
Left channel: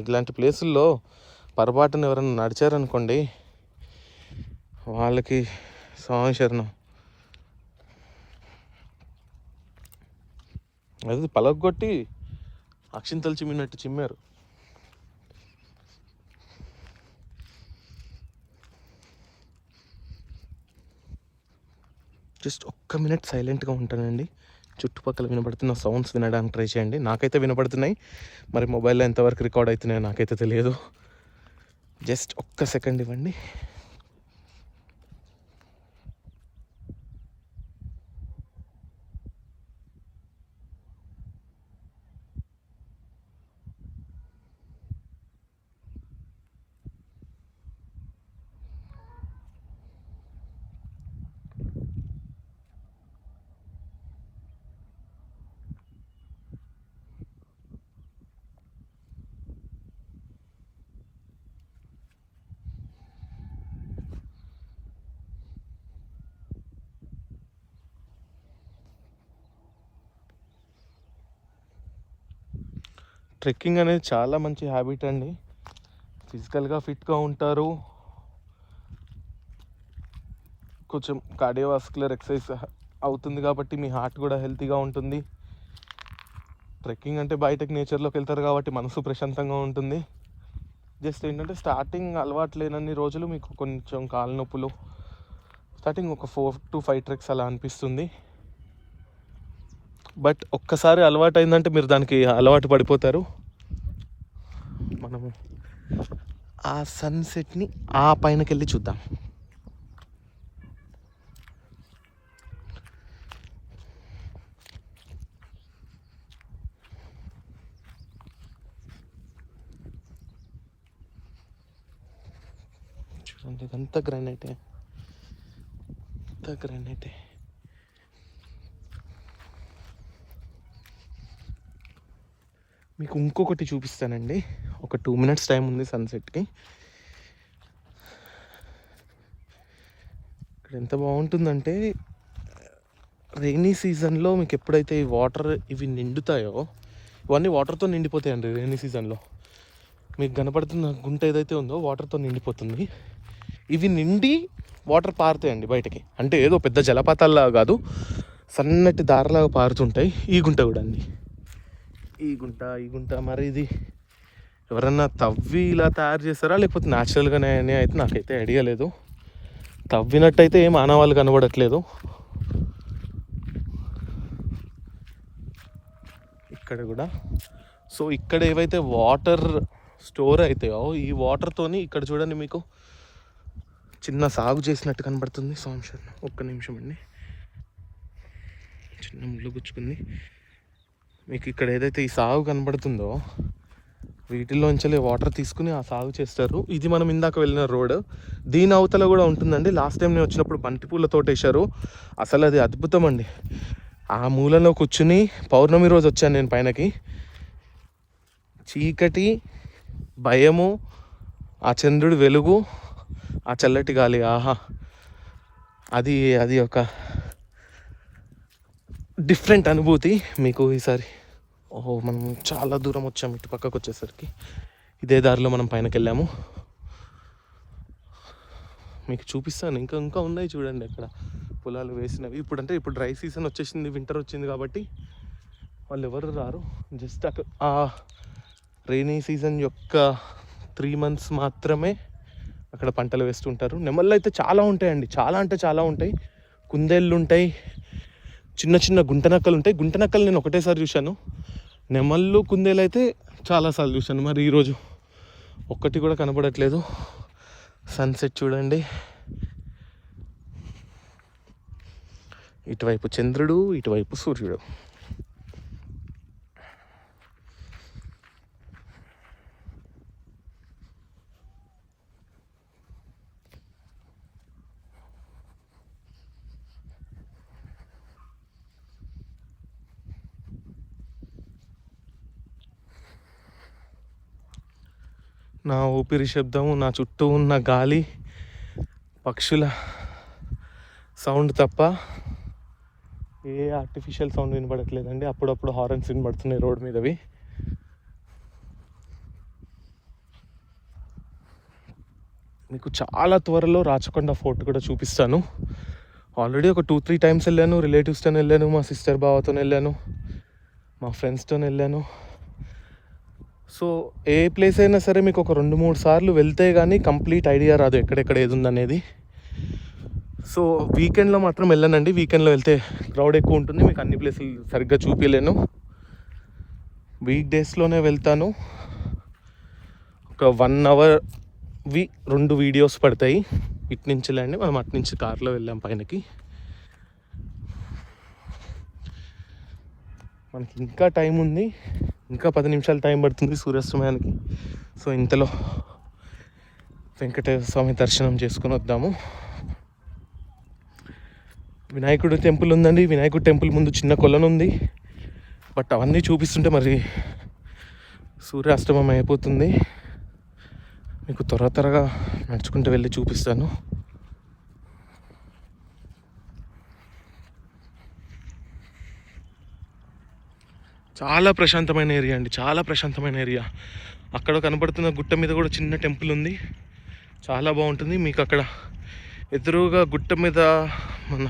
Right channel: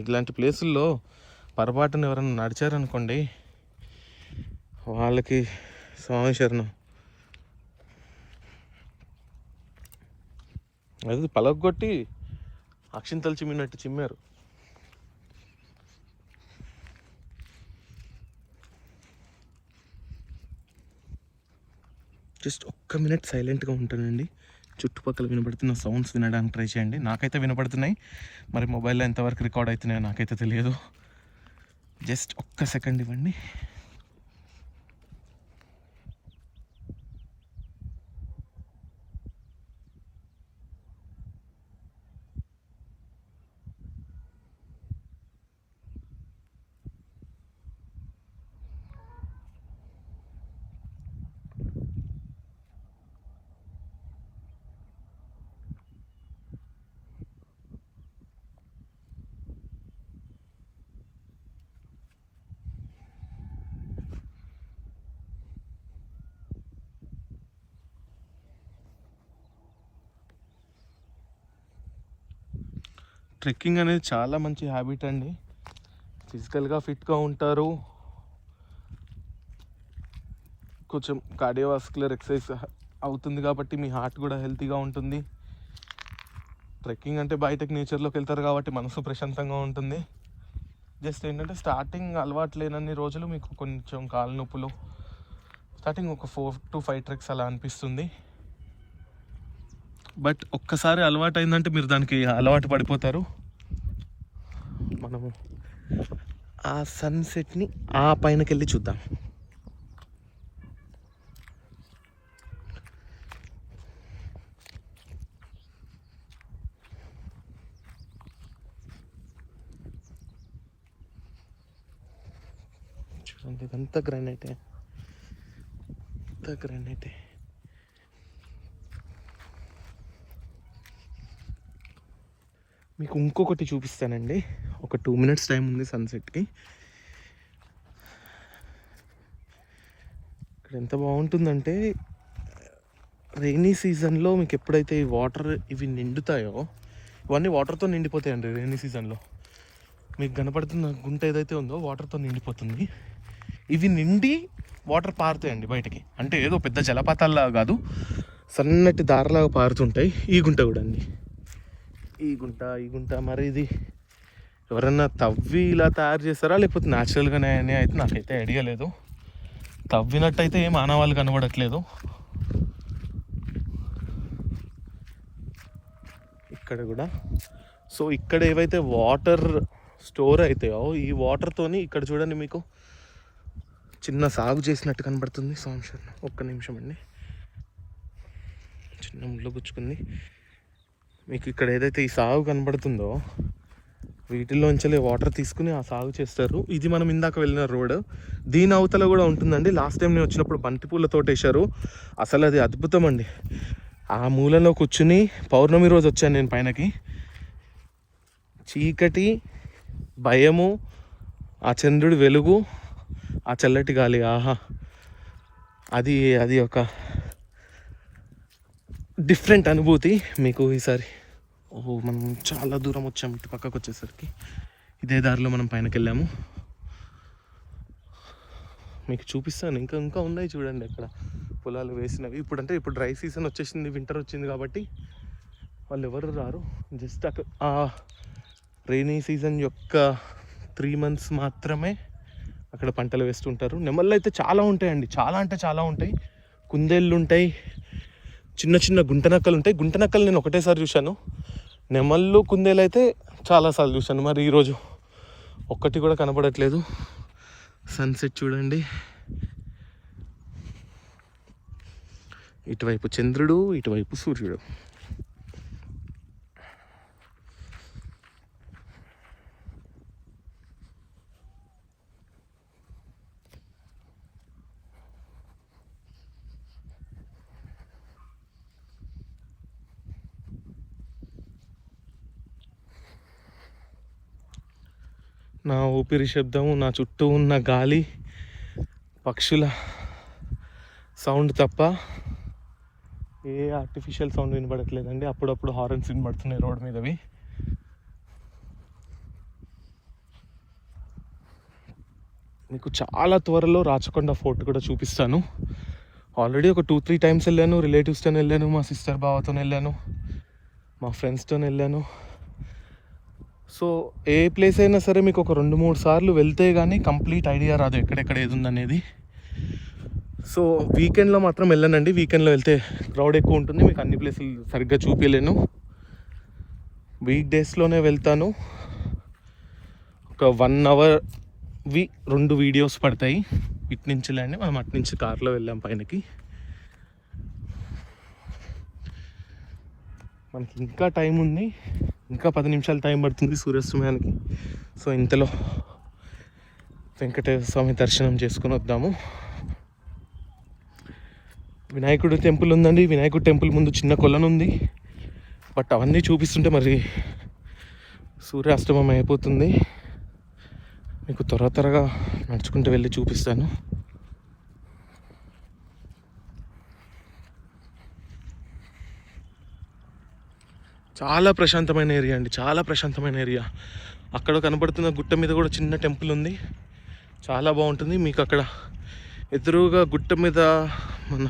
ఇట్లాంటి ప్లేసుల్లో పొరపాటున ఎవరైనా నడిచారనుకోండి, వాళ్ళకి శరణం. అది పలగొట్టి అక్షింతలు చిమ్మినట్టు చిమ్మారు. జస్ట్ ఒక్క మినిట్ సైలెంట్గా ఉంటానండి. చుట్టుపక్కల వినపడుతున్న సౌండ్స్ వినడానికి ట్రై చేయండి. నాకైతే వినపడుతున్నాయి, మరి మొబైల్లో ఎంతవరకు రికార్డ్ అవుతున్నాయో నాకైతే తెలియదు. జస్ట్ ఒక్క సెకండ్ ఇవ్వండి. ట్రెక్కింగ్ అనేది చాలా మంచి హ్యాబిట్ అండి. ఫిజికల్గా ఫిట్గా ఉంటారు, కొంచెం కార్డియోవాస్కులర్ ఎక్సర్సైజ్ అవుతుంది కాబట్టి మీ హార్ట్ కూడా హెల్తీగా ఉంటుంది. ట్రెక్కింగ్ అంటే బయటకు నేచర్లోకి వెళ్తారు కాబట్టి మనసు ప్రశాంతంగా ఉంటుంది. జస్ట్ ఏంటంటే స్టార్టింగ్ అలవాటు లేనన్ని రోజులు మీకు కొంచెం కాళ్ళ నొప్పులు, స్టార్టింగ్ ఒక 4 to 5 ట్రెక్స్ అలా అనిపిస్తుంది. బట్ ఒక్కసారి అలవాటు అయిందంటే మీరు దానికి అలవాటు పడిపోతారు. మనము ఆ సన్సెట్ని ఆ పైనకి వెళ్ళి చూద్దాం. చూడండి ఇదంతా గ్రానైటే. మీకు ఇంకొకటి చూపిస్తానండి. ఒక 2 minutes టైం ఉంది సన్సెట్కి. ఇక్కడ ఎంత బాగుంటుందంటే, రెయినీ సీజన్లో మీకు ఎప్పుడైతే ఈ వాటర్ ఇవి నిండుతాయో, ఇవన్నీ వాటర్తో నిండిపోతాయండి. రెయినీ సీజన్లో మీకు కనపడుతున్న గుంట ఏదైతే ఉందో వాటర్తో నిండిపోతుంది. ఇవి నిండి వాటర్ పారుతాయండి బయటకి. అంటే ఏదో పెద్ద జలపాతాల్లాగా కాదు, సన్నటి దారిలాగా పారుతుంటాయి. ఈ గుంట కూడా అండి, ఈ గుంట మరి ఇది ఎవరన్నా తవ్వి ఇలా తయారు చేస్తారా లేకపోతే న్యాచురల్గానే అయితే నాకైతే ఐడియా లేదు. తవ్వినట్టయితే ఏం ఆనవాళ్ళు కనబడట్లేదు. ఇక్కడ కూడా సో ఇక్కడ ఏవైతే వాటర్ స్టోర్ అవుతాయో ఈ వాటర్తోని ఇక్కడ చూడండి మీకు చిన్న సాగు చేసినట్టు కనబడుతుంది. ఒక్క నిమిషం అండి, చిన్న ముళ్ళు గుచ్చుకుంది. మీకు ఇక్కడ ఏదైతే ఈ సాగు కనబడుతుందో వీటిల్లోంచి వాటర్ తీసుకుని ఆ సాగు చేస్తారు. ఇది మనం ఇందాక వెళ్ళిన రోడ్. దీని అవతల కూడా ఉంటుందండి. లాస్ట్ టైం నేను వచ్చినప్పుడు బంతిపూలతో వేశారు. అసలు అది అద్భుతం అండి. ఆ మూలలో కూర్చుని పౌర్ణమి రోజు వచ్చాను నేను పైనకి. చీకటి, భయము, ఆ చంద్రుడి వెలుగు, ఆ చల్లటి గాలి, ఆహా, అది ఒక డిఫరెంట్ అనుభూతి మీకు ఈసారి. ఓహో, మనం చాలా దూరం వచ్చాము. ఇటు పక్కకు వచ్చేసరికి ఇదే దారిలో మనం పైనకి వెళ్ళాము. మీకు చూపిస్తాను. ఇంకా ఇంకా ఉన్నాయి చూడండి అక్కడ పొలాలు వేసినవి. ఇప్పుడు డ్రై సీజన్ వచ్చేసింది, వింటర్ వచ్చింది కాబట్టి వాళ్ళు ఎవరు రారు. జస్ట్ అక్కడ ఆ రైనీ సీజన్ యొక్క 3 months మాత్రమే అక్కడ పంటలు వేస్తుంటారు. నెమళ్ళు అయితే చాలా ఉంటాయండి, చాలా అంటే చాలా ఉంటాయి. కుందేళ్ళు ఉంటాయి, చిన్న చిన్న గుంటనక్కలు ఉంటాయి. గుంటనక్కలు నేను ఒకటేసారి చూశాను. నెమళ్ళు కుందేలు అయితే చాలాసార్లు చూశాను. మరి ఈరోజు ఒక్కటి కూడా కనపడట్లేదు. సన్సెట్ చూడండి, ఇటువైపు చంద్రుడు, ఇటువైపు సూర్యుడు. నా ఊపిరి శబ్దము, నా చుట్టూ ఉన్న గాలి, పక్షుల సౌండ్ తప్ప ఏ ఆర్టిఫిషియల్ సౌండ్ వినపడట్లేదండి. అప్పుడప్పుడు హారన్స్ వినపడుతున్నాయి రోడ్ మీదవి. మీకు చాలా త్వరలో రాచకొండ ఫోర్ట్ కూడా చూపిస్తాను. ఆల్రెడీ ఒక 2-3 times వెళ్ళాను. రిలేటివ్స్తో వెళ్ళాను, మా సిస్టర్ బావతో వెళ్ళాను, మా ఫ్రెండ్స్తో వెళ్ళాను. సో ఏ ప్లేస్ అయినా సరే మీకు ఒక 2-3 సార్లు వెళ్తే కానీ కంప్లీట్ ఐడియా రాదు ఎక్కడెక్కడ ఏది ఉందనేది. సో వీకెండ్లో మాత్రం వెళ్ళానండి. వీకెండ్లో వెళ్తే క్రౌడ్ ఎక్కువ ఉంటుంది, మీకు అన్ని ప్లేసులు సరిగ్గా చూపించలేను. వీక్ డేస్లోనే వెళ్తాను. ఒక 1 hour 2 videos పడతాయి. ఇటు నుంచి వెళ్ళండి, మనం అటు నుంచి కార్లో వెళ్ళాం పైనకి. మనకి ఇంకా టైం ఉంది, ఇంకా 10 నిమిషాలు టైం పడుతుంది సూర్యాస్తమయానికి. సో ఇంతలో వెంకటేశ్వర స్వామి దర్శనం చేసుకుని వద్దాము. వినాయకుడు టెంపుల్ ఉందండి. వినాయకుడు టెంపుల్ ముందు చిన్న కొలను ఉంది. బట్ అవన్నీ చూపిస్తుంటే మరి సూర్యాస్తమయం అయిపోతుంది. మీకు త్వరగా నడుచుకుంటూ వెళ్ళి చూపిస్తాను. చాలా ప్రశాంతమైన ఏరియా అండి, చాలా ప్రశాంతమైన ఏరియా. అక్కడ కనబడుతున్న గుట్ట మీద కూడా చిన్న టెంపుల్ ఉంది, చాలా బాగుంటుంది. మీకు అక్కడ ఎదురుగా గుట్ట మీద మన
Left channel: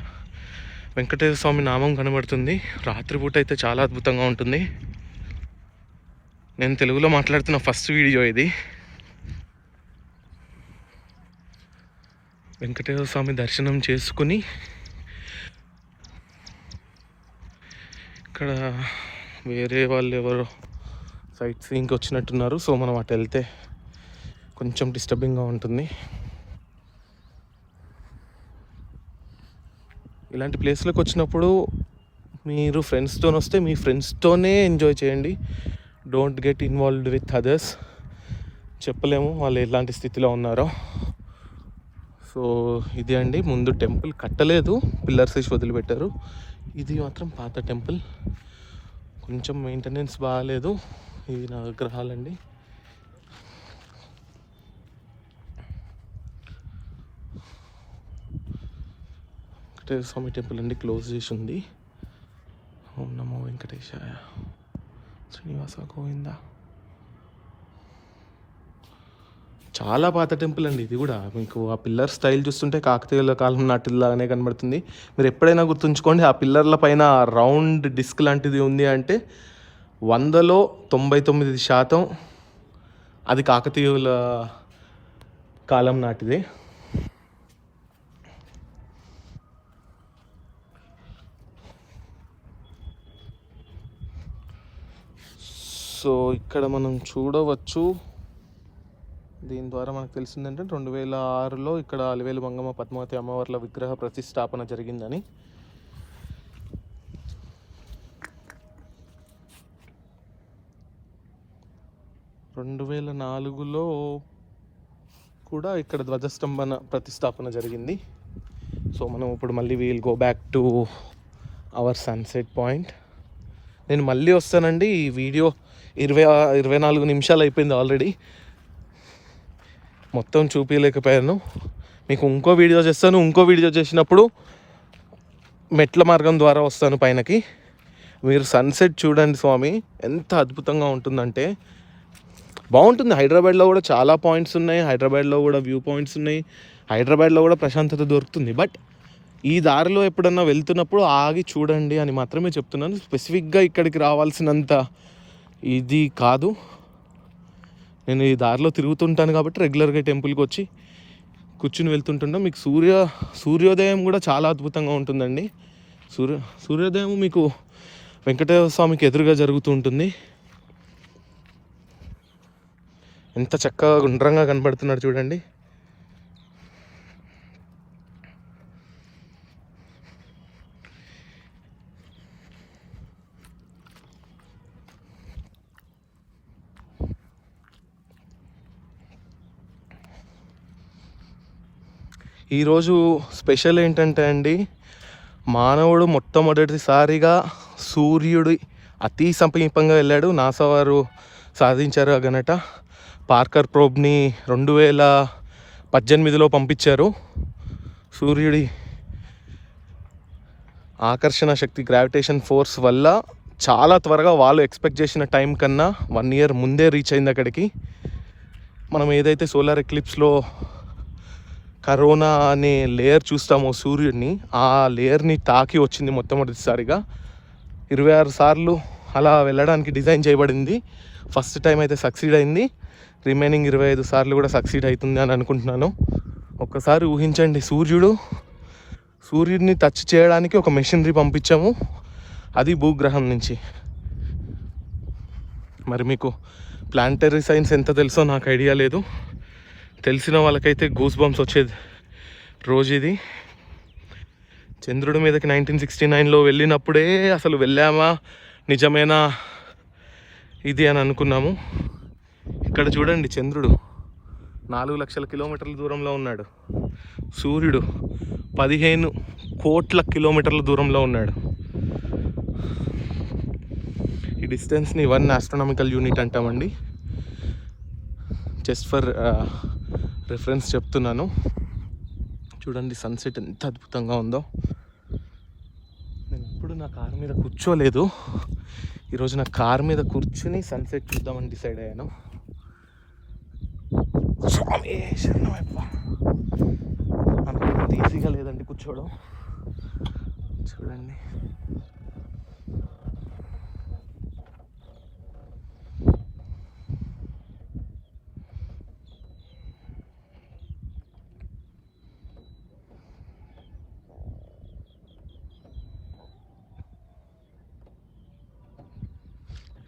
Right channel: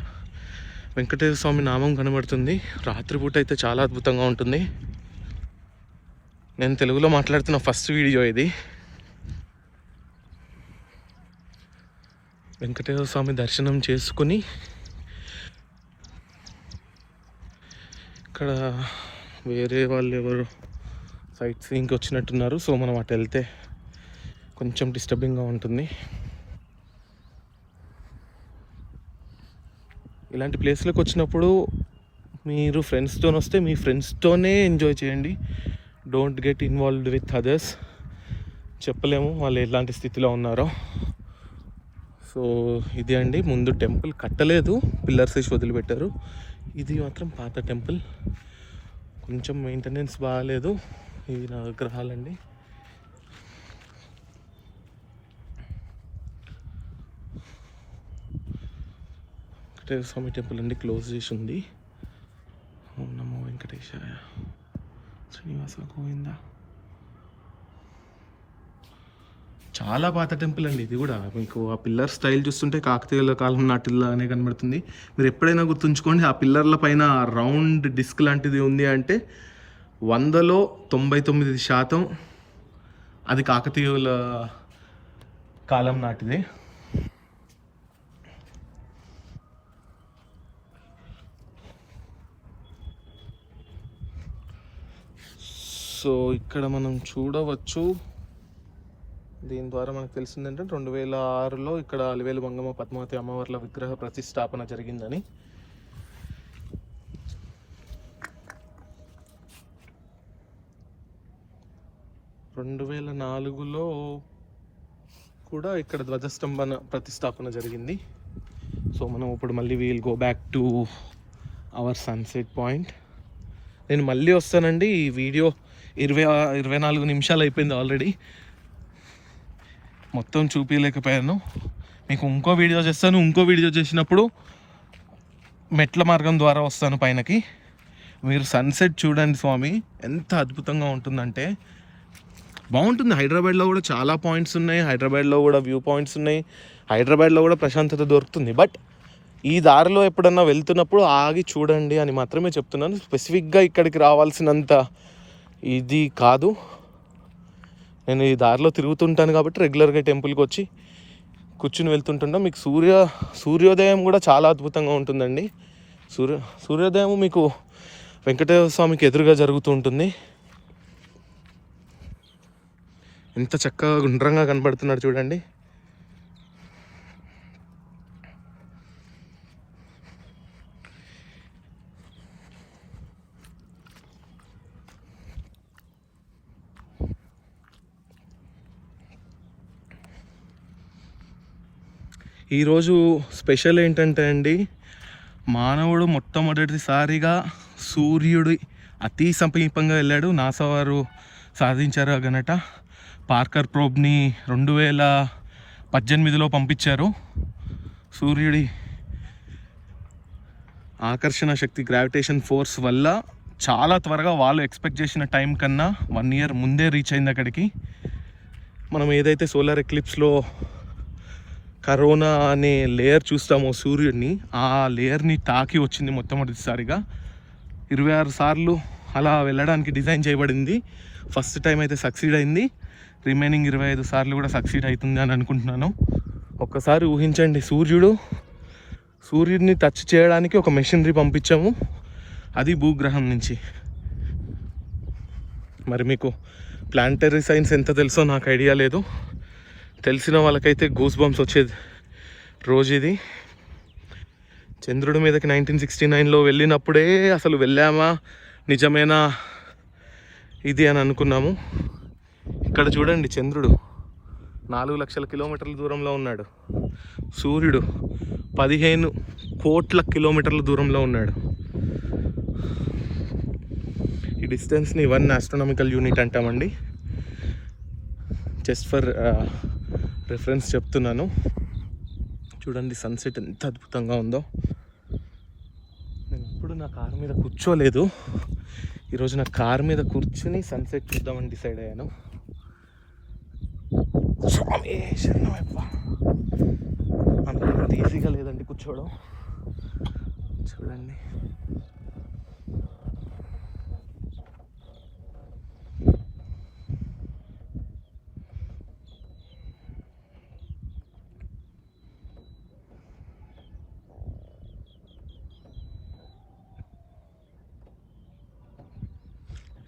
వెంకటేశ్వర స్వామి నామం కనబడుతుంది. రాత్రిపూట అయితే చాలా అద్భుతంగా ఉంటుంది. నేను తెలుగులో మాట్లాడుతున్న ఫస్ట్ వీడియో ఇది. వెంకటేశ్వర స్వామి దర్శనం చేసుకుని ఇక్కడ వేరే వాళ్ళు ఎవరో సైట్ సీయింగ్కి వచ్చినట్టున్నారు. సో మనం అటు వెళ్తే కొంచెం డిస్టర్బింగ్గా ఉంటుంది. ఇలాంటి ప్లేస్లకు వచ్చినప్పుడు మీరు ఫ్రెండ్స్తో వస్తే మీ ఫ్రెండ్స్తోనే ఎంజాయ్ చేయండి. Don't get involved with others. చెప్పలేము వాళ్ళు ఎలాంటి స్థితిలో ఉన్నారో. సో ఇది అండి, ముందు టెంపుల్ కట్టలేదు, పిల్లర్స్ వేసి వదిలిపెట్టారు. ఇది మాత్రం పాత టెంపుల్, కొంచెం మెయింటెనెన్స్ బాగాలేదు. ఇది నవగ్రహాలండి. వెంకటేశ్వర స్వామి టెంపుల్ అండి, క్లోజ్ చేసి ఉంది. ఓం నమో వెంకటేశాయ, శ్రీనివాస గోవింద. చాలా పాత టెంపుల్ అండి ఇది కూడా. మీకు ఆ పిల్లర్ స్టైల్ చూస్తుంటే కాకతీయుల కాలం నాటిలాగానే కనబడుతుంది. మీరు ఎప్పుడైనా గుర్తుంచుకోండి, ఆ పిల్లర్ల పైన రౌండ్ డిస్క్ లాంటిది ఉంది అంటే 100లో 99% అది కాకతీయుల కాలం నాటిది. సో ఇక్కడ మనం చూడవచ్చు, దీని ద్వారా మనకు తెలిసిందంటే 2006లో ఇక్కడ అలివేలు మంగమ్మ పద్మావతి అమ్మవార్ల విగ్రహ ప్రతిష్టాపన జరిగిందని. రెండు 2004లో కూడా ఇక్కడ ధ్వజస్తంభన ప్రతిష్టాపన జరిగింది. సో మనం ఇప్పుడు మళ్ళీ we'll go back to our sunset point. నేను మళ్ళీ వస్తానండి. ఈ వీడియో 24 నిమిషాలు అయిపోయింది ఆల్రెడీ, మొత్తం చూపించలేకపోయాను. మీకు ఇంకో వీడియో చేస్తాను. ఇంకో వీడియో చేసినప్పుడు మెట్ల మార్గం ద్వారా వస్తాను పైనకి. మీరు సన్సెట్ చూడండి స్వామి, ఎంత అద్భుతంగా ఉంటుందంటే బాగుంటుంది. హైదరాబాద్లో కూడా చాలా పాయింట్స్ ఉన్నాయి, హైదరాబాద్లో కూడా వ్యూ పాయింట్స్ ఉన్నాయి. హైదరాబాద్లో కూడా ప్రశాంతత దొరుకుతుంది. బట్ ఈ దారిలో ఎప్పుడన్నా వెళ్తున్నప్పుడు ఆగి చూడండి అని మాత్రమే చెప్తున్నాను. స్పెసిఫిక్గా ఇక్కడికి రావాల్సినంత ఇది కాదు. నేను ఈ దారిలో తిరుగుతుంటాను కాబట్టి రెగ్యులర్గా టెంపుల్కి వచ్చి కూర్చుని వెళ్తుంటున్నా. మీకు సూర్యోదయం కూడా చాలా అద్భుతంగా ఉంటుందండి. సూర్యోదయం మీకు వెంకటేశ్వర స్వామికి ఎదురుగా జరుగుతూ ఉంటుంది. ఎంత చక్కగా గుండ్రంగా కనపడుతున్నాడు చూడండి. ఈరోజు స్పెషల్ ఏంటంటే అండి, మానవుడు మొట్టమొదటిసారిగా సూర్యుడి అతి సమీపంగా వెళ్ళాడు. నాసా వారు సాధించారు ఆ ఘనత. పార్కర్ ప్రోబ్ని 2018లో పంపించారు. సూర్యుడి ఆకర్షణ శక్తి, గ్రావిటేషన్ ఫోర్స్ వల్ల చాలా త్వరగా వాళ్ళు ఎక్స్పెక్ట్ చేసిన టైం కన్నా 1 year ముందే రీచ్ అయింది అక్కడికి. మనం ఏదైతే సోలార్ ఎక్లిప్స్లో కరోనా అనే లేయర్ చూస్తామో సూర్యుడిని, ఆ లేయర్ని తాకి వచ్చింది మొట్టమొదటిసారిగా. 26 సార్లు అలా వెళ్ళడానికి డిజైన్ చేయబడింది. ఫస్ట్ టైం అయితే సక్సీడ్ అయింది. రిమైనింగ్ 25 సార్లు కూడా సక్సీడ్ అవుతుంది అని అనుకుంటున్నాను. ఒక్కసారి ఊహించండి, సూర్యుడిని టచ్ చేయడానికి ఒక మెషినరీ పంపించాము, అది భూగ్రహం నుంచి. మరి మీకు ప్లానటరీ సైన్స్ ఎంత తెలుసో నాకు ఐడియా లేదు. తెలిసిన వాళ్ళకైతే గూస్ బంప్స్ వచ్చేది రోజు ఇది. చంద్రుడి మీదకి 1969లో వెళ్ళినప్పుడే అసలు వెళ్ళామా నిజమేనా ఇది అని అనుకున్నాము. ఇక్కడ చూడండి, చంద్రుడు 4 లక్షల కిలోమీటర్ల దూరంలో ఉన్నాడు. సూర్యుడు 15 కోట్ల కిలోమీటర్ల దూరంలో ఉన్నాడు. ఈ డిస్టెన్స్ని 1 ఆస్ట్రోనామికల్ యూనిట్ అంటామండి. జస్ట్ ఫర్ రిఫరెన్స్ చెప్తున్నాను. చూడండి సన్సెట్ ఎంత అద్భుతంగా ఉందో. నేను ఎప్పుడు నా కారు మీద కూర్చోలేదు. ఈరోజు నా కారు మీద కూర్చుని సన్సెట్ చూద్దామని డిసైడ్ అయ్యాను. అనుకున్నంత ఈజీగా లేదండి కూర్చోవడం. చూడండి,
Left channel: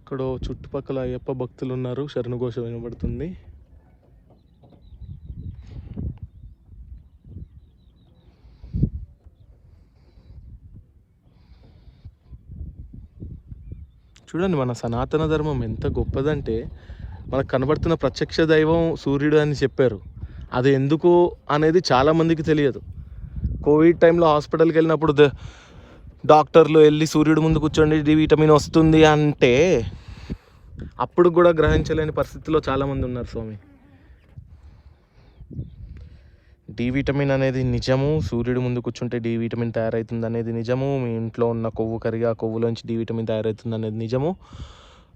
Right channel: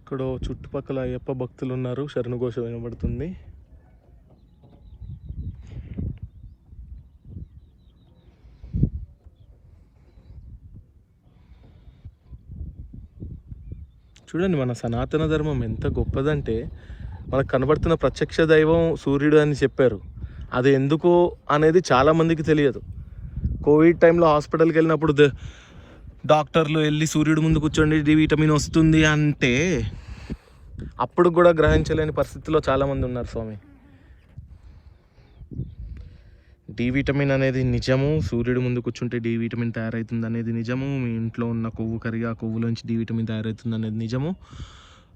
ఇక్కడ చుట్టుపక్కల అయ్యప్ప భక్తులు ఉన్నారు. శరణుఘోష వినబడుతుంది. చూడండి, మన సనాతన ధర్మం ఎంత గొప్పదంటే, మనకు కనబడుతున్న ప్రత్యక్ష దైవం సూర్యుడు అని చెప్పారు. అది ఎందుకు అనేది చాలామందికి తెలియదు. కోవిడ్ టైంలో హాస్పిటల్కి వెళ్ళినప్పుడు డాక్టర్లు వెళ్ళి సూర్యుడు ముందు కూర్చోండి డి విటమిన్ వస్తుంది అంటే అప్పుడు కూడా గ్రహించలేని పరిస్థితిలో చాలామంది ఉన్నారు స్వామి. డి విటమిన్ అనేది నిజము. సూర్యుడు ముందు కూర్చుంటే డి విటమిన్ తయారవుతుంది అనేది నిజము. మీ ఇంట్లో ఉన్న కొవ్వు కరిగి ఆ కొవ్వులోంచి డి విటమిన్ తయారవుతుంది అనేది నిజము.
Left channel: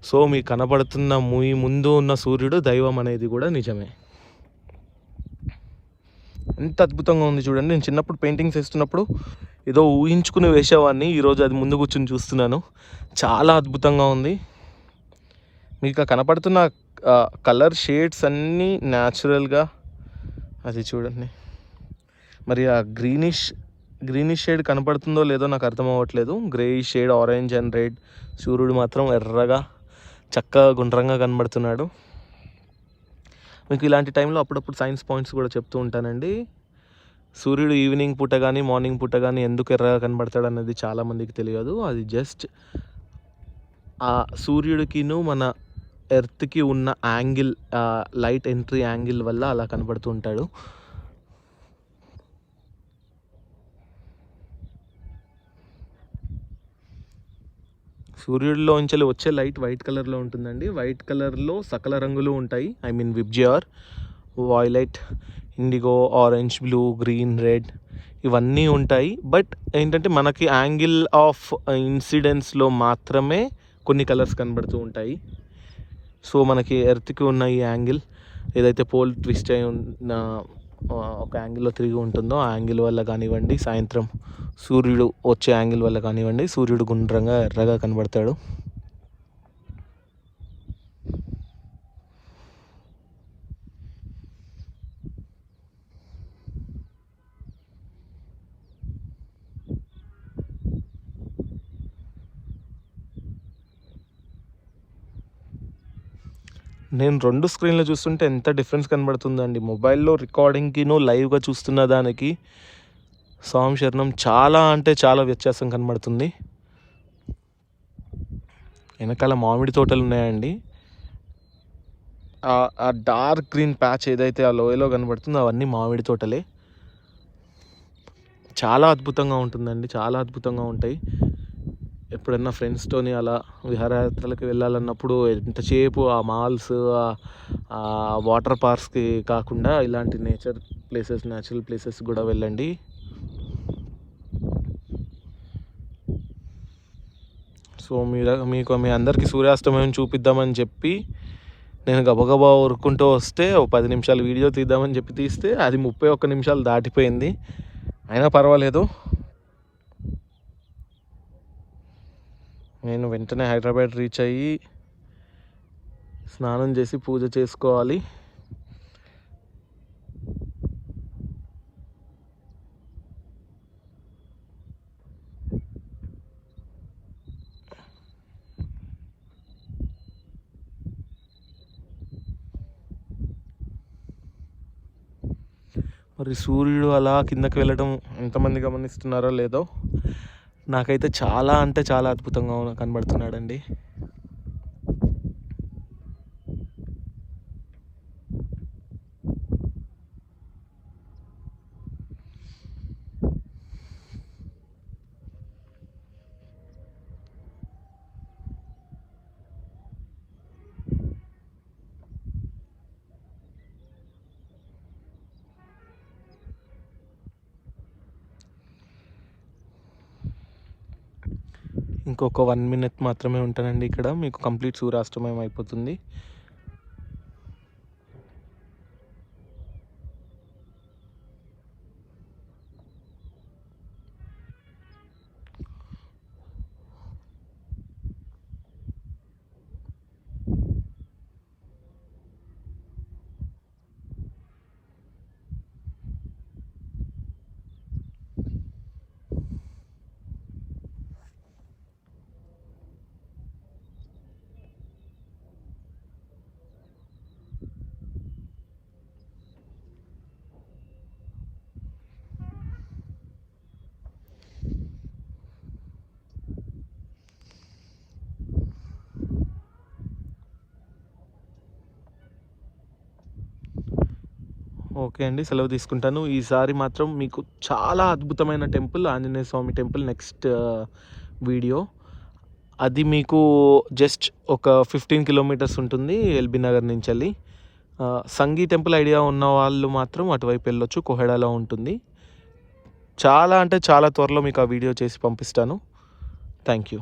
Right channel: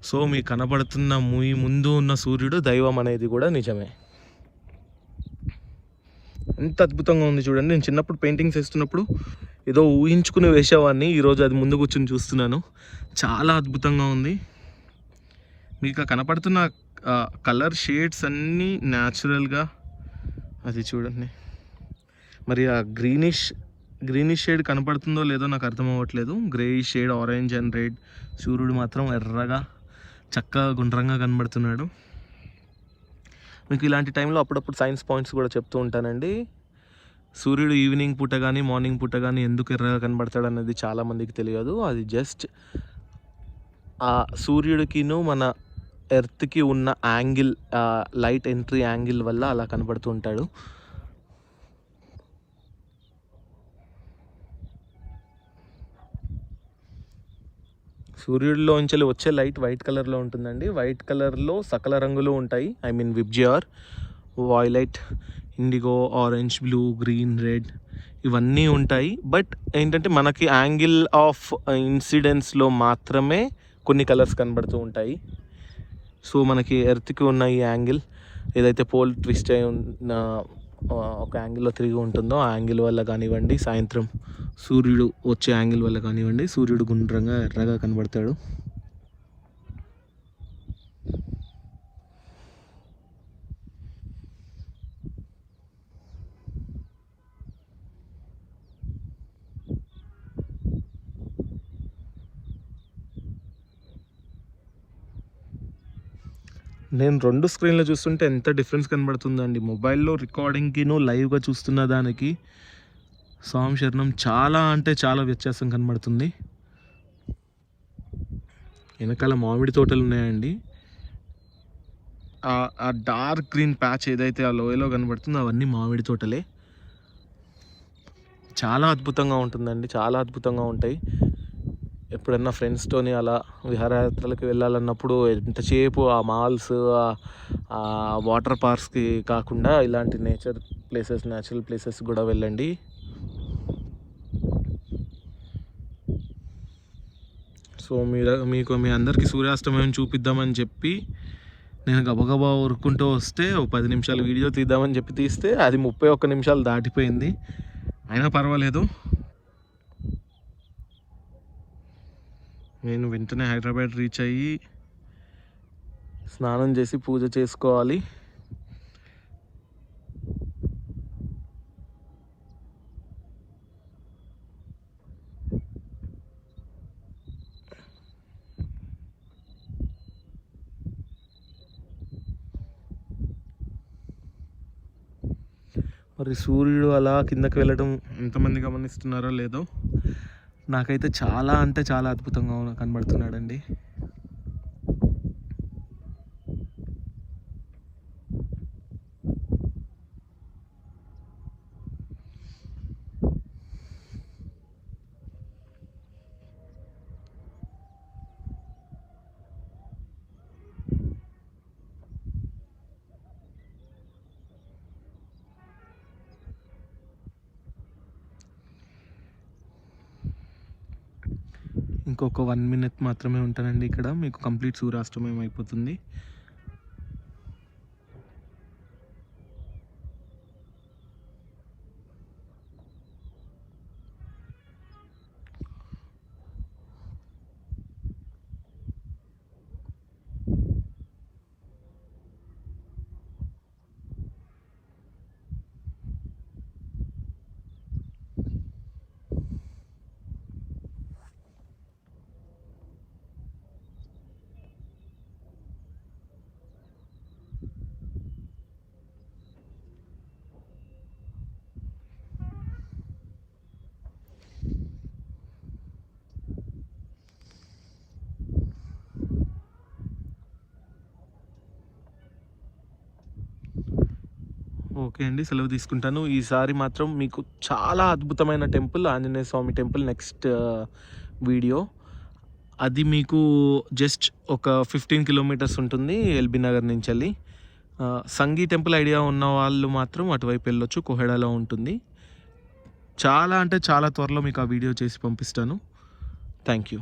సో మీ కనబడుతున్న మీ ముందు ఉన్న సూర్యుడు దైవం అనేది కూడా నిజమే. ఎంత అద్భుతంగా ఉంది చూడండి. నేను చిన్నప్పుడు పెయింటింగ్స్ వేస్తున్నప్పుడు ఏదో ఊహించుకుని వేసేవాడిని. ఈరోజు అది ముందు కూర్చొని చూస్తున్నాను. చాలా అద్భుతంగా ఉంది. మీకు కనపడుతున్న కలర్ షేడ్స్ అన్నీ న్యాచురల్గా అది చూడండి. మరి ఆ గ్రీనిష్ షేడ్ కనపడుతుందో లేదో నాకు అర్థం అవ్వట్లేదు. Grey shade, orange and red. సూర్యుడు మాత్రం ఎర్రగా చక్కగా గుండ్రంగా కనబడుతున్నాడు. మీకు ఇలాంటి టైంలో అప్పుడప్పుడు సైన్స్ పాయింట్స్ కూడా చెప్తూ ఉంటానండి. సూర్యుడు ఈవినింగ్ పూట కానీ మార్నింగ్ పూట కానీ ఎందుకు ఎర్రగా కనబడతాడు అనేది చాలామందికి తెలియదు. అది జస్ట్ ఆ సూర్యుడికిను మన ఎర్త్కి ఉన్న యాంగిల్, లైట్ ఎంట్రీ యాంగిల్ వల్ల అలా కనబడుతూ ఉంటాడు. సూర్యుడిలో నుంచి వచ్చే లైట్ వైట్ కలర్లో ఉంటుందండి. వైట్ కలర్లో సకల రంగులు ఉంటాయి. I mean VIBGYOR, violet, IndiGo, orange, blue, green, red ఇవన్నీ ఉంటాయి. బట్ ఏంటంటే మనకి యాంగిల్ ఆఫ్ ఇన్సిడెన్స్లో మాత్రమే కొన్ని కలర్స్ కనబడుతూ ఉంటాయి. సో మనకి ఎర్త్కి ఉన్న ఈ యాంగిల్ ఏదైతే పోల్ ట్విస్ట్ అయి ఉన్న ఒక యాంగిల్లో తిరిగి ఉంటుందో ఆ యాంగిల్ వల్ల కానివ్వండి, సాయంత్రం సూర్యుడు వచ్చే యాంగిల్ వల్ల కానివ్వండి, సూర్యుడు గుండ్రంగా ఎర్రగా కనబడతాడు. నేను 2 స్క్రీన్లు చూస్తుంటే ఎంత డిఫరెన్స్ కనబడుతుందండి. మొబైల్లో రికార్డింగ్కిను లైవ్గా చూస్తున్న దానికి స్వామి శరణం చాలా అంటే చాలా వ్యత్యాసం కనబడుతుంది. వెనకాల మామిడి తోటలు ఉన్నాయండి. ఆ డార్క్ గ్రీన్ ప్యాచ్ ఏదైతే ఆ లోయలో కనబడుతుందో అవన్నీ మామిడి తోటలే. చాలా అద్భుతంగా ఉంటుందండి, చాలా అద్భుతంగా ఉంటాయి. ఎప్పుడన్నా ఫ్రెండ్స్తోని అలా విహారయాత్రలకు వెళ్ళాలన్నప్పుడు ఎంతసేపు ఆ మాల్స్, వాటర్ పార్క్స్కి కాకుండా ఇలాంటి న్యాచురల్ ప్లేసెస్ కూడా వెళ్ళండి. సో మీకు మీ అందరికీ సూర్యాస్తమయం చూపిద్దామని చెప్పి నేను గబగబా ఉరుక్కుంటూ వస్తే 10 నిమిషాలు వీడియో తీద్దామని చెప్పి తీస్తే అది 31 నిమిషాలు దాటిపోయింది. అయినా పర్వాలేదు, నేను వెంటనే హైదరాబాద్ రీచ్ అయ్యి స్నానం చేసి పూజ చేసుకోవాలి. మరి సూర్యుడు అలా కిందకి వెళ్ళడం ఎంతమంది గమనిస్తున్నారో లేదో, నాకైతే చాలా అంటే చాలా అద్భుతంగా కనబడుతున్నాడండి. ఇంకొక 1 minute మాత్రమే ఉంటానండి ఇక్కడ, మీకు కంప్లీట్ సూర్యాస్తమయం అయిపోతుంది. ఓకే అండి, సెలవు తీసుకుంటాను. ఈసారి మాత్రం మీకు చాలా అద్భుతమైన టెంపుల్, ఆంజనేయ స్వామి టెంపుల్ నెక్స్ట్ వీడియో. అది మీకు జస్ట్ ఒక 15 కిలోమీటర్స్ ఉంటుంది ఎల్బీ నగర్ నుంచి వెళ్ళి. సంగీ టెంపుల్ ఐడియా ఉన్న వాళ్ళు మాత్రం అటువైపు వెళ్ళొచ్చు, కోహెడాలో ఉంటుంది. చాలా అంటే చాలా త్వరలో మీకు ఆ వీడియో చేసి పంపిస్తాను. Thank you.